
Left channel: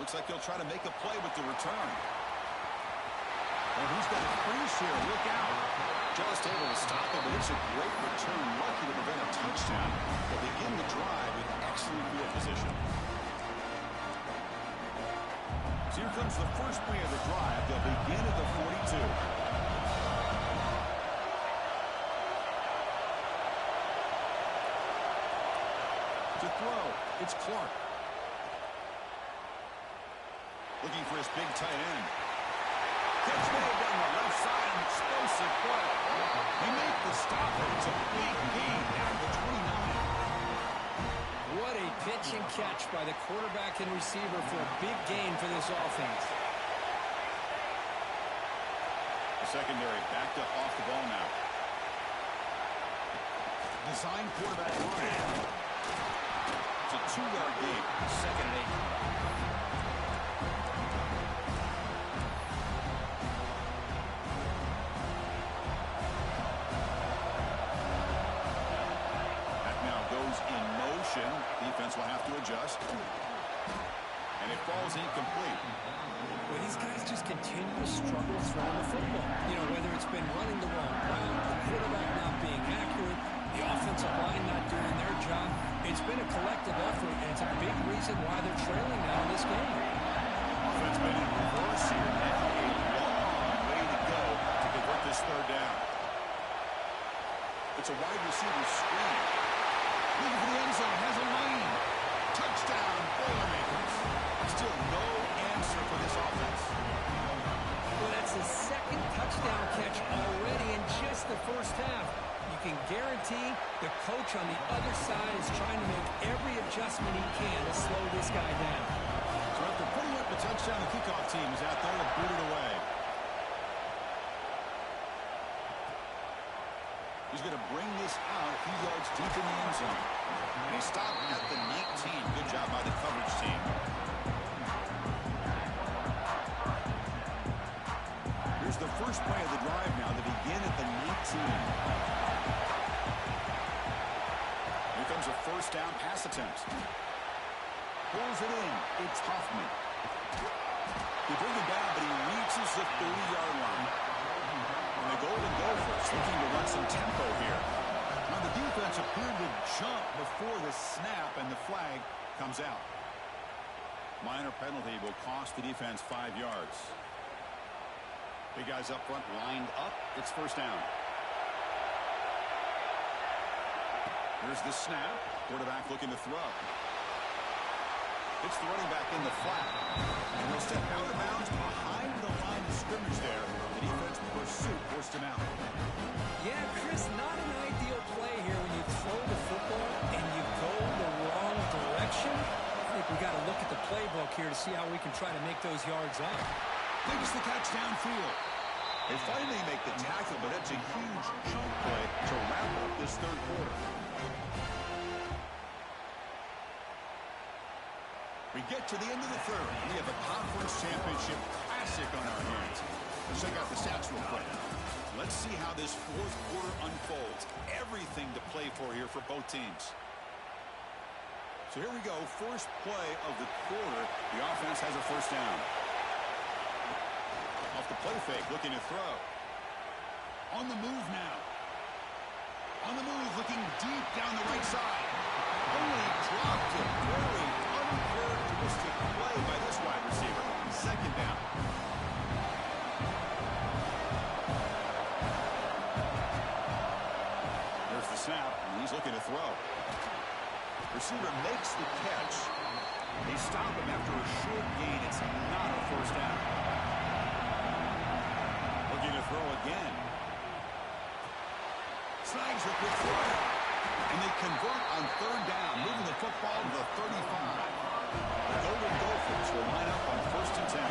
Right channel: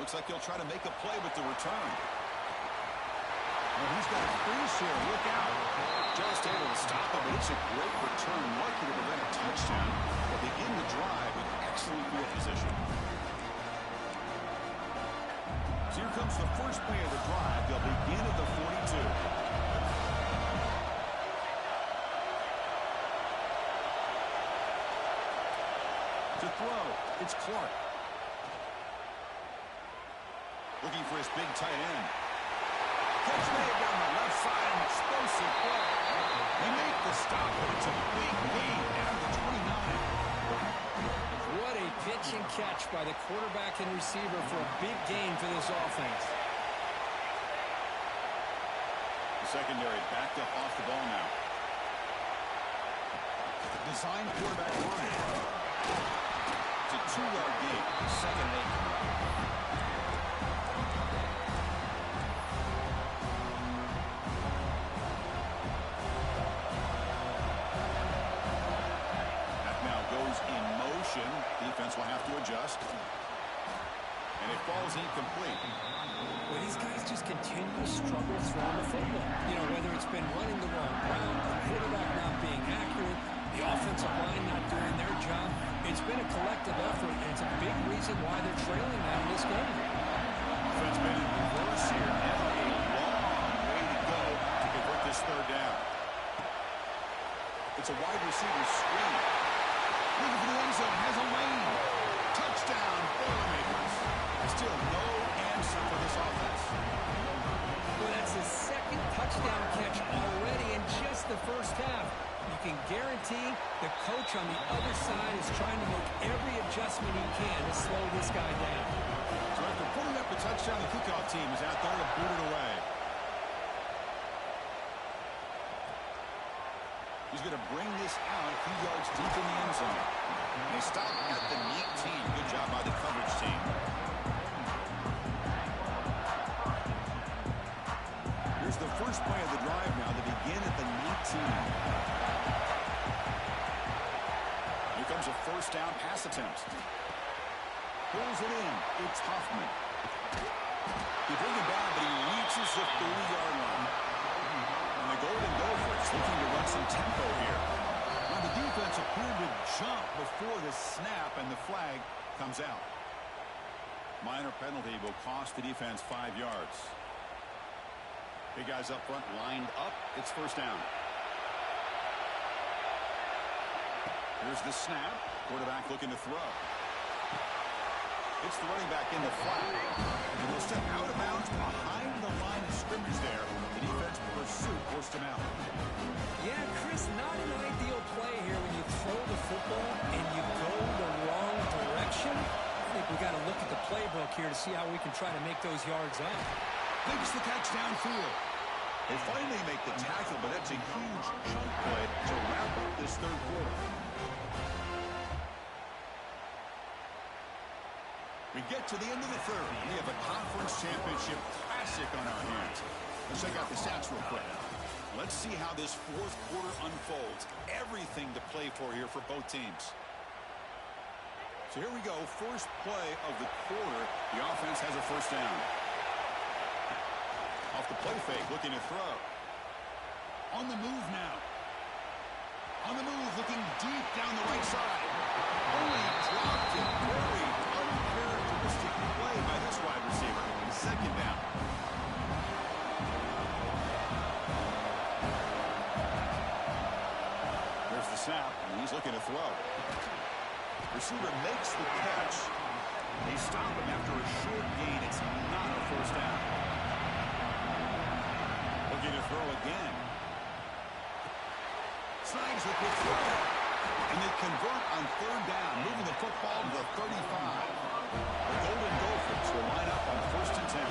Looks like he'll try to make a play with the return. Well, he's got a crease here. Look out. Just able to stop it, but it's a great return. Lucky to prevent a touchdown. They'll begin the drive with excellent field position. So here comes the first play of the drive. They'll begin at the 42. To throw, it's Clark. Looking for his big tight end. Catch made down the left side, an explosive play. They make the stop, but it's a big gain down to the 29. What a pitch and catch by the quarterback and receiver for a big gain for this offense. The secondary backed up off the ball now. Design quarterback run. It's a 2-yard gain. 2nd and 8 coming up. Goes in motion. Defense will have to adjust. And it falls incomplete. Well, these guys just continue to struggle throwing the football. You know, whether it's been running the wrong route, the quarterback not being accurate, the offensive line not doing their job. It's been a collective effort, and it's a big reason why they're trailing now in this game. Offense been in reverse here. Now a long way to go to convert this 3rd down. It's a wide receiver screen. Looking for the end zone, has a lane. Touchdown, Boilermakers. Still no answer for this offense. Well, that's his 2nd touchdown catch already in just the first half. You can guarantee the coach on the other side is trying to make every adjustment he can to slow this guy down. So after putting up the touchdown, the kickoff team is out there to boot it away. He's going to bring this out a few yards deep in the end zone. And he stopped at the 19. Good job by the coverage team. Here's the first play of the drive now. They begin at the 19. Here comes a 1st down pass attempt. Pulls it in. It's Hoffman. They bring him down, but he reaches the 30-yard line. And the Golden Gophers looking to run some tempo here. Now the defense appeared to jump before the snap, and the flag comes out. Minor penalty will cost the defense 5 yards. Big guys up front lined up. It's 1st down. Here's the snap. Quarterback looking to throw. It's the running back in the flat. And he'll step out of bounds behind the line of scrimmage there. The defense pursuit forced him out. Yeah, Chris, not an ideal play here when you throw the football and you go the wrong direction. I think we got to look at the playbook here to see how we can try to make those yards up. Makes the catch downfield. They finally make the tackle, but that's a huge chunk play to wrap up this third quarter. We get to the end of the third. We have a conference championship classic on our hands. Let's check out the stats real quick. Let's see how this fourth quarter unfolds. Everything to play for here for both teams. So here we go. First play of the quarter. The offense has a first down. Off the play fake, looking to throw. On the move now. On the move, looking deep down the right side. Only dropped it. Very uncharacteristic play by this wide receiver. Second down. There's the snap, and he's looking to throw. Receiver makes the catch. They stop him after a short gain. It's not a first down. Looking to throw again. Snags the quick throw. And they convert on third down, moving the football to the 35. The Golden Gophers will line up on 1st and 10.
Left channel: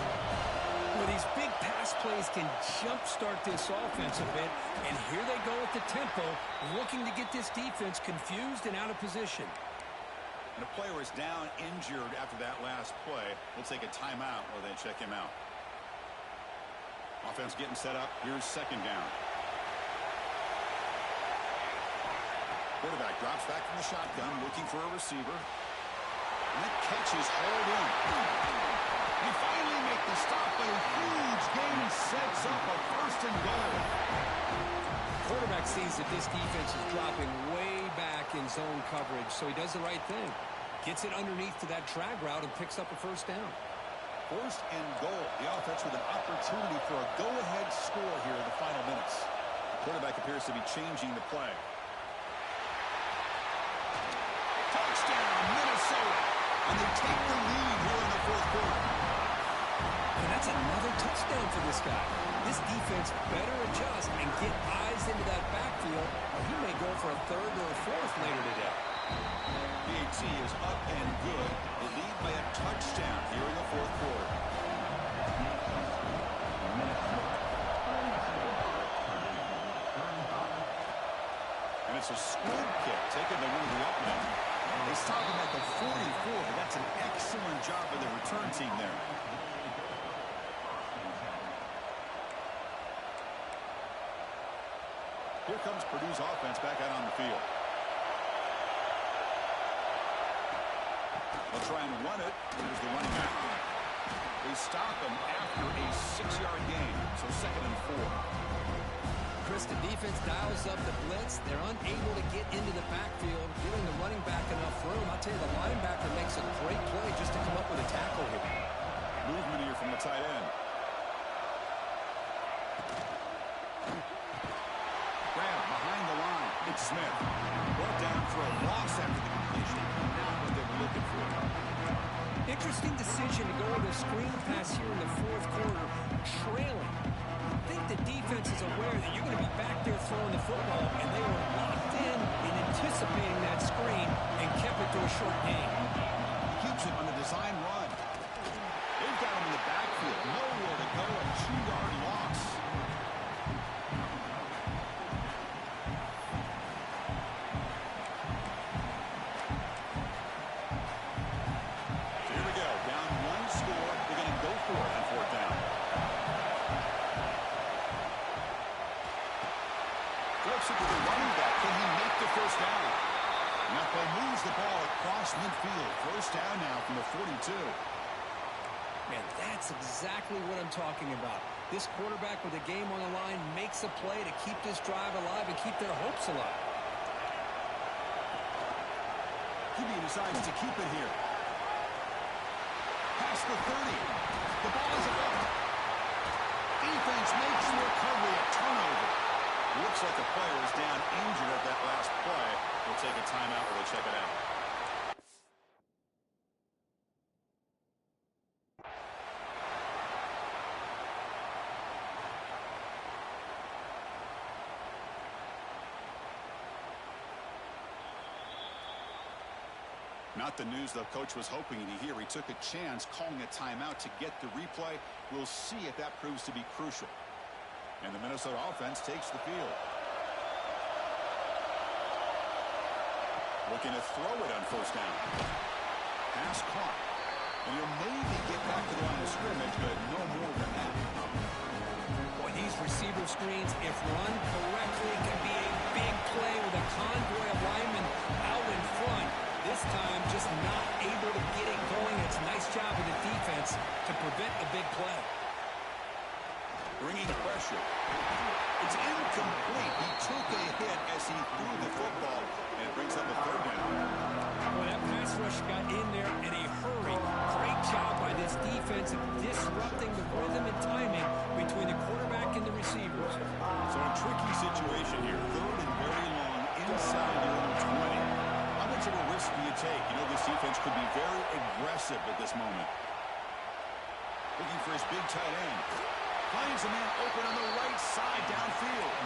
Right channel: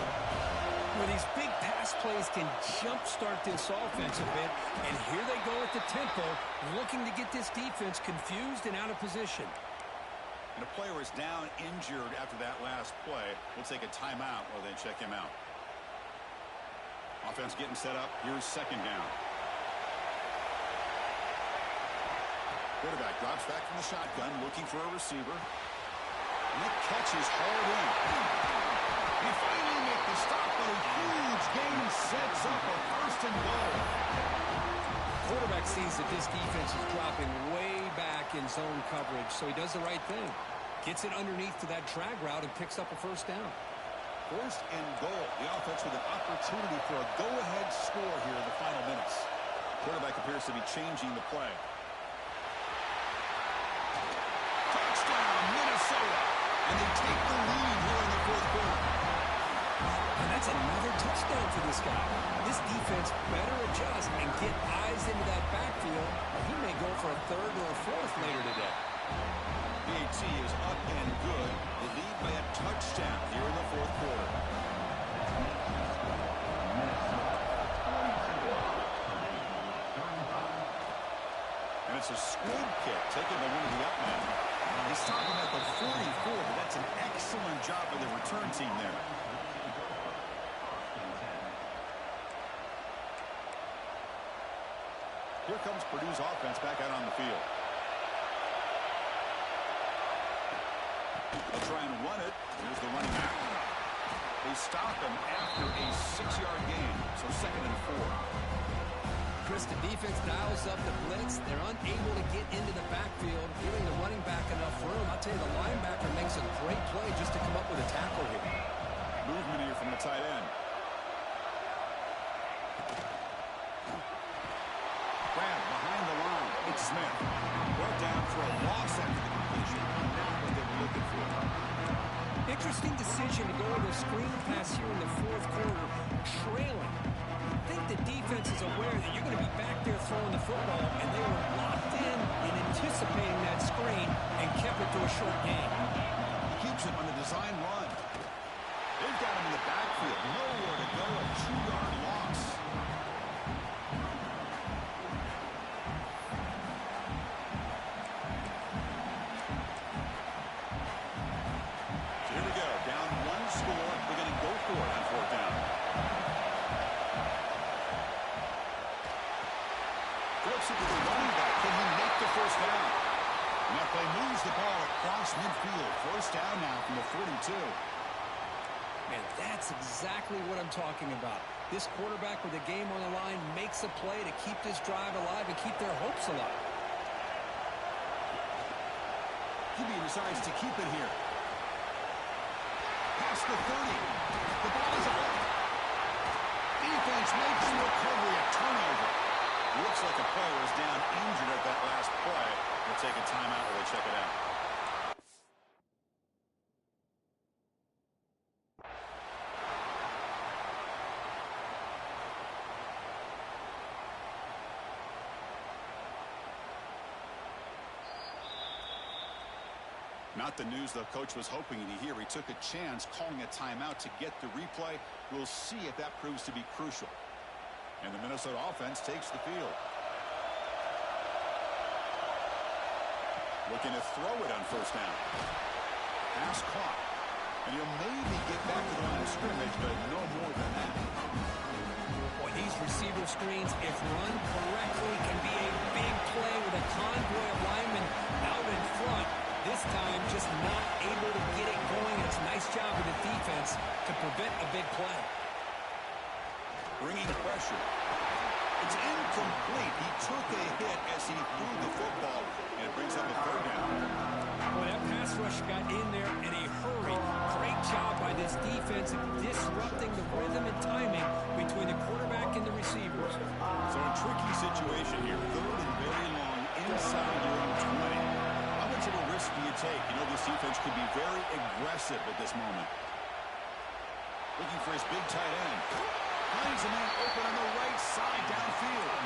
Well, these big pass plays can jumpstart this offense a bit, and here they go at the tempo, looking to get this defense confused and out of position. And a player is down injured after that last play. We'll take a timeout while they check him out. Offense getting set up. Here's second down. Quarterback drops back from the shotgun, looking for a receiver. And that catch is hauled in. They finally make the stop, but a huge gain sets up a 1st and goal. Quarterback sees that this defense is dropping way back in zone coverage, so he does the right thing. Gets it underneath to that drag route and picks up a first down. 1st and goal. The offense with an opportunity for a go-ahead score here in the final minutes. Quarterback appears to be changing the play. Touchdown, Minnesota. And they take the lead here in the fourth quarter. And that's another touchdown for this guy. This defense better adjust and get eyes into that backfield, or he may go for a third or a fourth later today. BAT is up and good. They lead by a touchdown here in the fourth quarter. And it's a squib kick taken by one of the up men. They stop him at the 44, but that's an excellent job by the return team there. Here comes Purdue's offense back out on the field. They'll try and run it. Here's the running back. They stop him after a 6-yard gain, so 2nd and 4. Chris, the defense dials up the blitz. They're unable to get into the backfield, giving the running back enough room. I'll tell you, the linebacker makes a great play just to come up with a tackle here. Movement here from the tight end. Grab behind the line. It's Smith. Brought down for a loss after the completion. Not what they were looking for. Interesting decision to go with a screen pass here in the fourth quarter, trailing. I think the defense is aware that you're going to be back there throwing the football, and they were locked in anticipating that screen and kept it to a short gain. Keeps it on the design run. They've got him in the backfield. Nowhere to go. A 2-yard loss. So here we go. Down 1 score. They're going to go for it on 4th down. Flips it to the running back. Can he make the first down? And that play moves the ball across midfield. First down now from the 42. Man, that's exactly what I'm talking about. This quarterback with the game on the line makes a play to keep this drive alive and keep their hopes alive. He decides to keep it here. Past the 30. The ball is out. Defense makes the recovery a turnover. Looks like a player is down injured at that last play. We'll take a timeout while they check it out. Not the news the coach was hoping to hear. He took a chance calling a timeout to get the replay. We'll see if that proves to be crucial. And the Minnesota offense takes the field. Looking to throw it on first down. Pass caught. And he'll maybe get back to the line of scrimmage, but no more than that. Boy, these receiver screens, if run correctly, can be a big play with a convoy of linemen out in front. This time, just not able to get it going. It's a nice job of the defense to prevent a big play. Bringing pressure. It's incomplete. He took a hit as he threw the football, and it brings up a third down. Well, that pass rush got in there in a hurry. Great job by this defense of disrupting the rhythm and timing between the quarterback and the receivers. So a tricky situation here. Third and very long inside your own 20. How much of a risk do you take? You know, this defense could be very aggressive at this moment. Looking for his big tight end. Finds a man open on the right side downfield.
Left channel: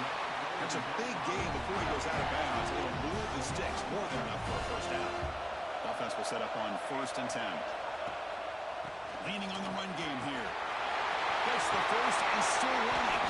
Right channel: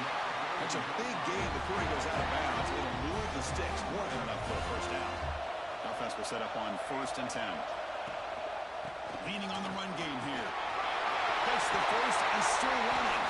That's a big gain before he goes out of bounds. It'll move the sticks. More than enough for a first down. Offense will set up on 1st and 10. Leaning on the run game here. Gets the first and still running.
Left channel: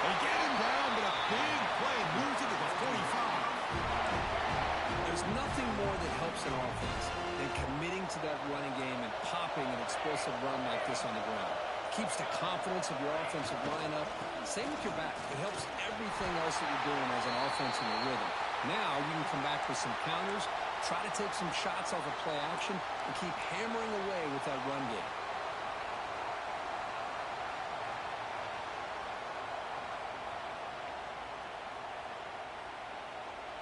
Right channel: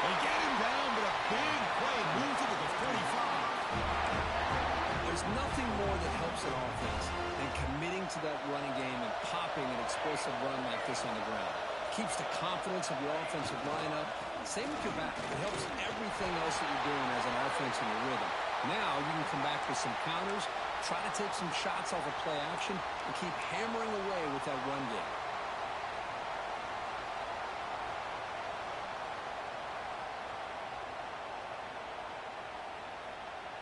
They get him down, but a big play moves it to the 45. There's nothing more that helps an offense than committing to that running game and popping an explosive run like this on the ground. Keeps the confidence of your offensive lineup. Same with your back. It helps everything else that you're doing as an offense in your rhythm. Now you can come back with some counters, try to take some shots off of play action, and keep hammering away with that run game.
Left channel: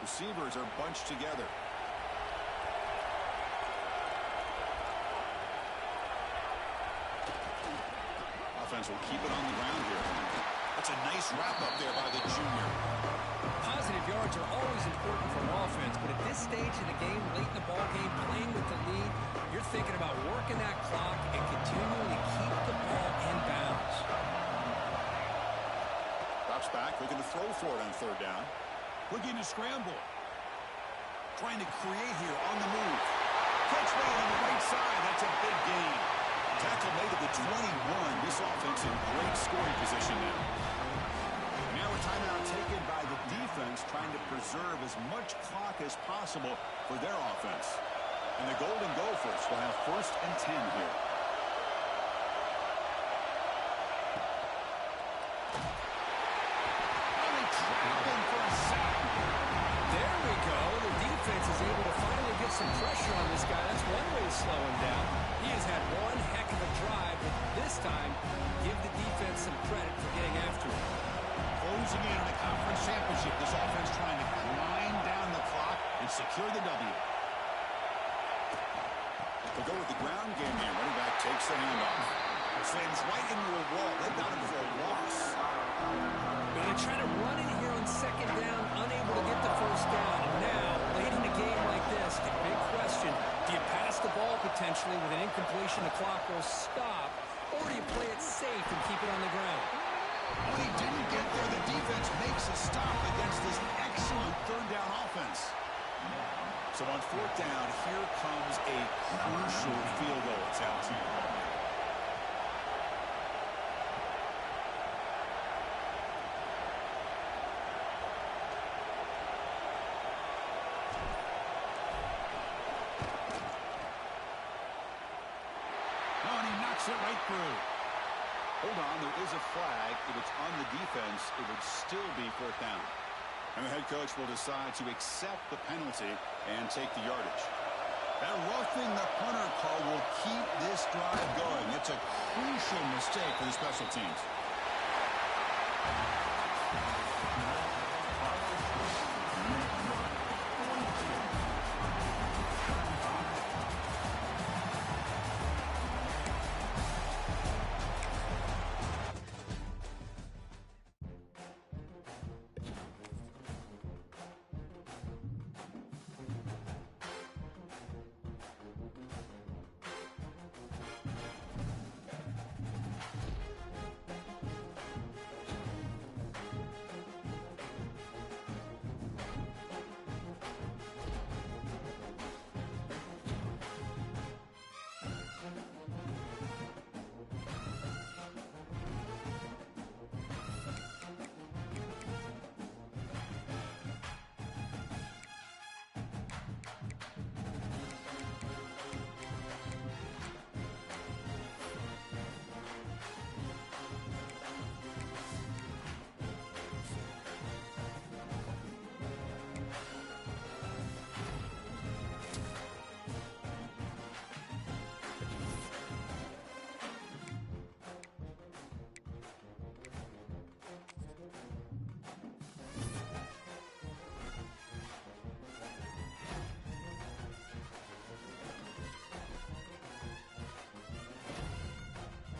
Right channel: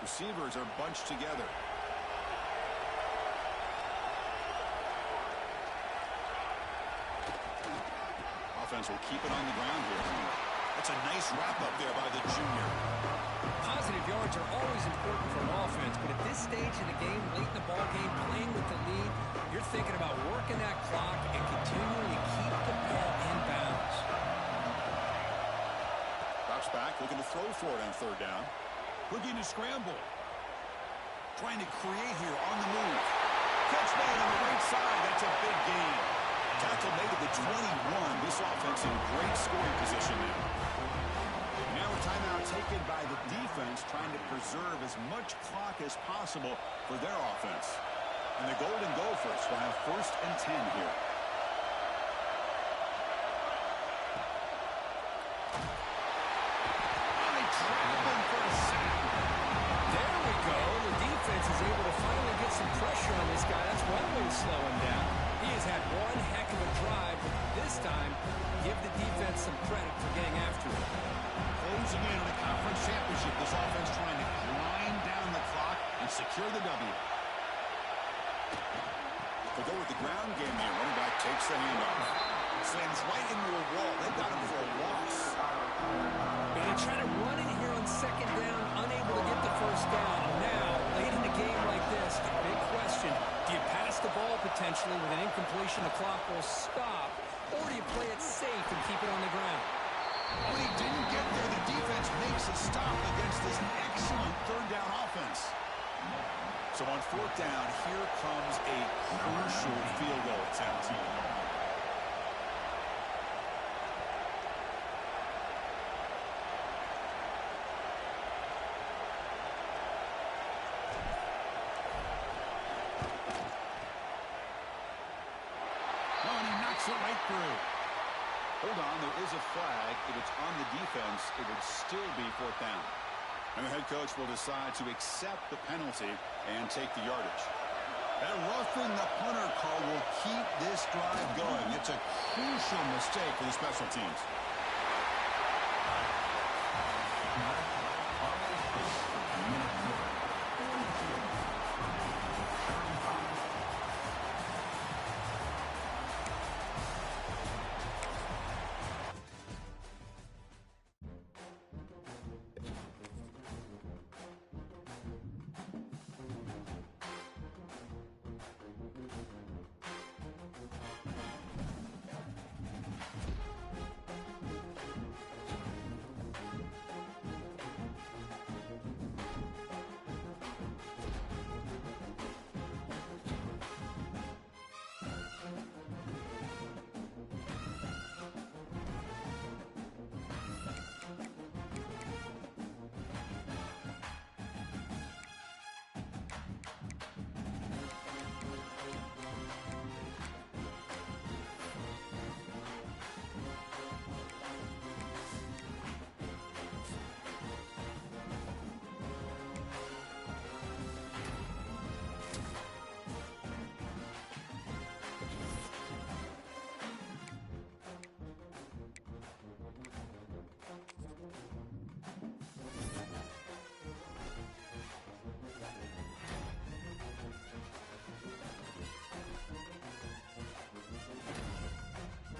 Receivers are bunched together. Offense will keep it on the ground here. That's a nice wrap up there by the junior. Positive yards are always important for an offense, but at this stage in the game, late in the ball game, playing with the lead, you're thinking about working that clock and continuing to keep the ball in bounds. Drops back, looking to throw for it on 3rd down. Looking to scramble. Trying to create here on the move. Catch made on the right side. That's a big gain. Tackle made at the 21. This offense in great scoring position now. Now a timeout taken by the defense, trying to preserve as much clock as possible for their offense. And the Golden Gophers will have 1st and 10 here. Oh, they trap him for a sack. There we go. The defense is able to finally get some pressure on this guy. That's one way to slow him down. He has had one heck of a drive, but this time, give the defense some credit for getting after him. Closing in on a conference championship, this offense trying to grind down the clock and secure the W. They'll go with the ground game here. Running back takes the handoff. Slams right into a wall. They've got him for a loss. They're going to try to run in here on 2nd down, unable to get the first down. And now, late in the game like this, the big question, do you pass the ball potentially with an incompletion, the clock will stop, or do you play it safe and keep it on the ground? When he didn't get there, the defense makes a stop against this excellent 3rd down offense. So on 4th down, here comes a crucial field goal attempt. No, and he knocks it right through. Hold on, there is a flag. If it's on the defense, it would still be 4th down. And the head coach will decide to accept the penalty and take the yardage. That roughing the punter call will keep this drive going. It's a crucial mistake for the special teams.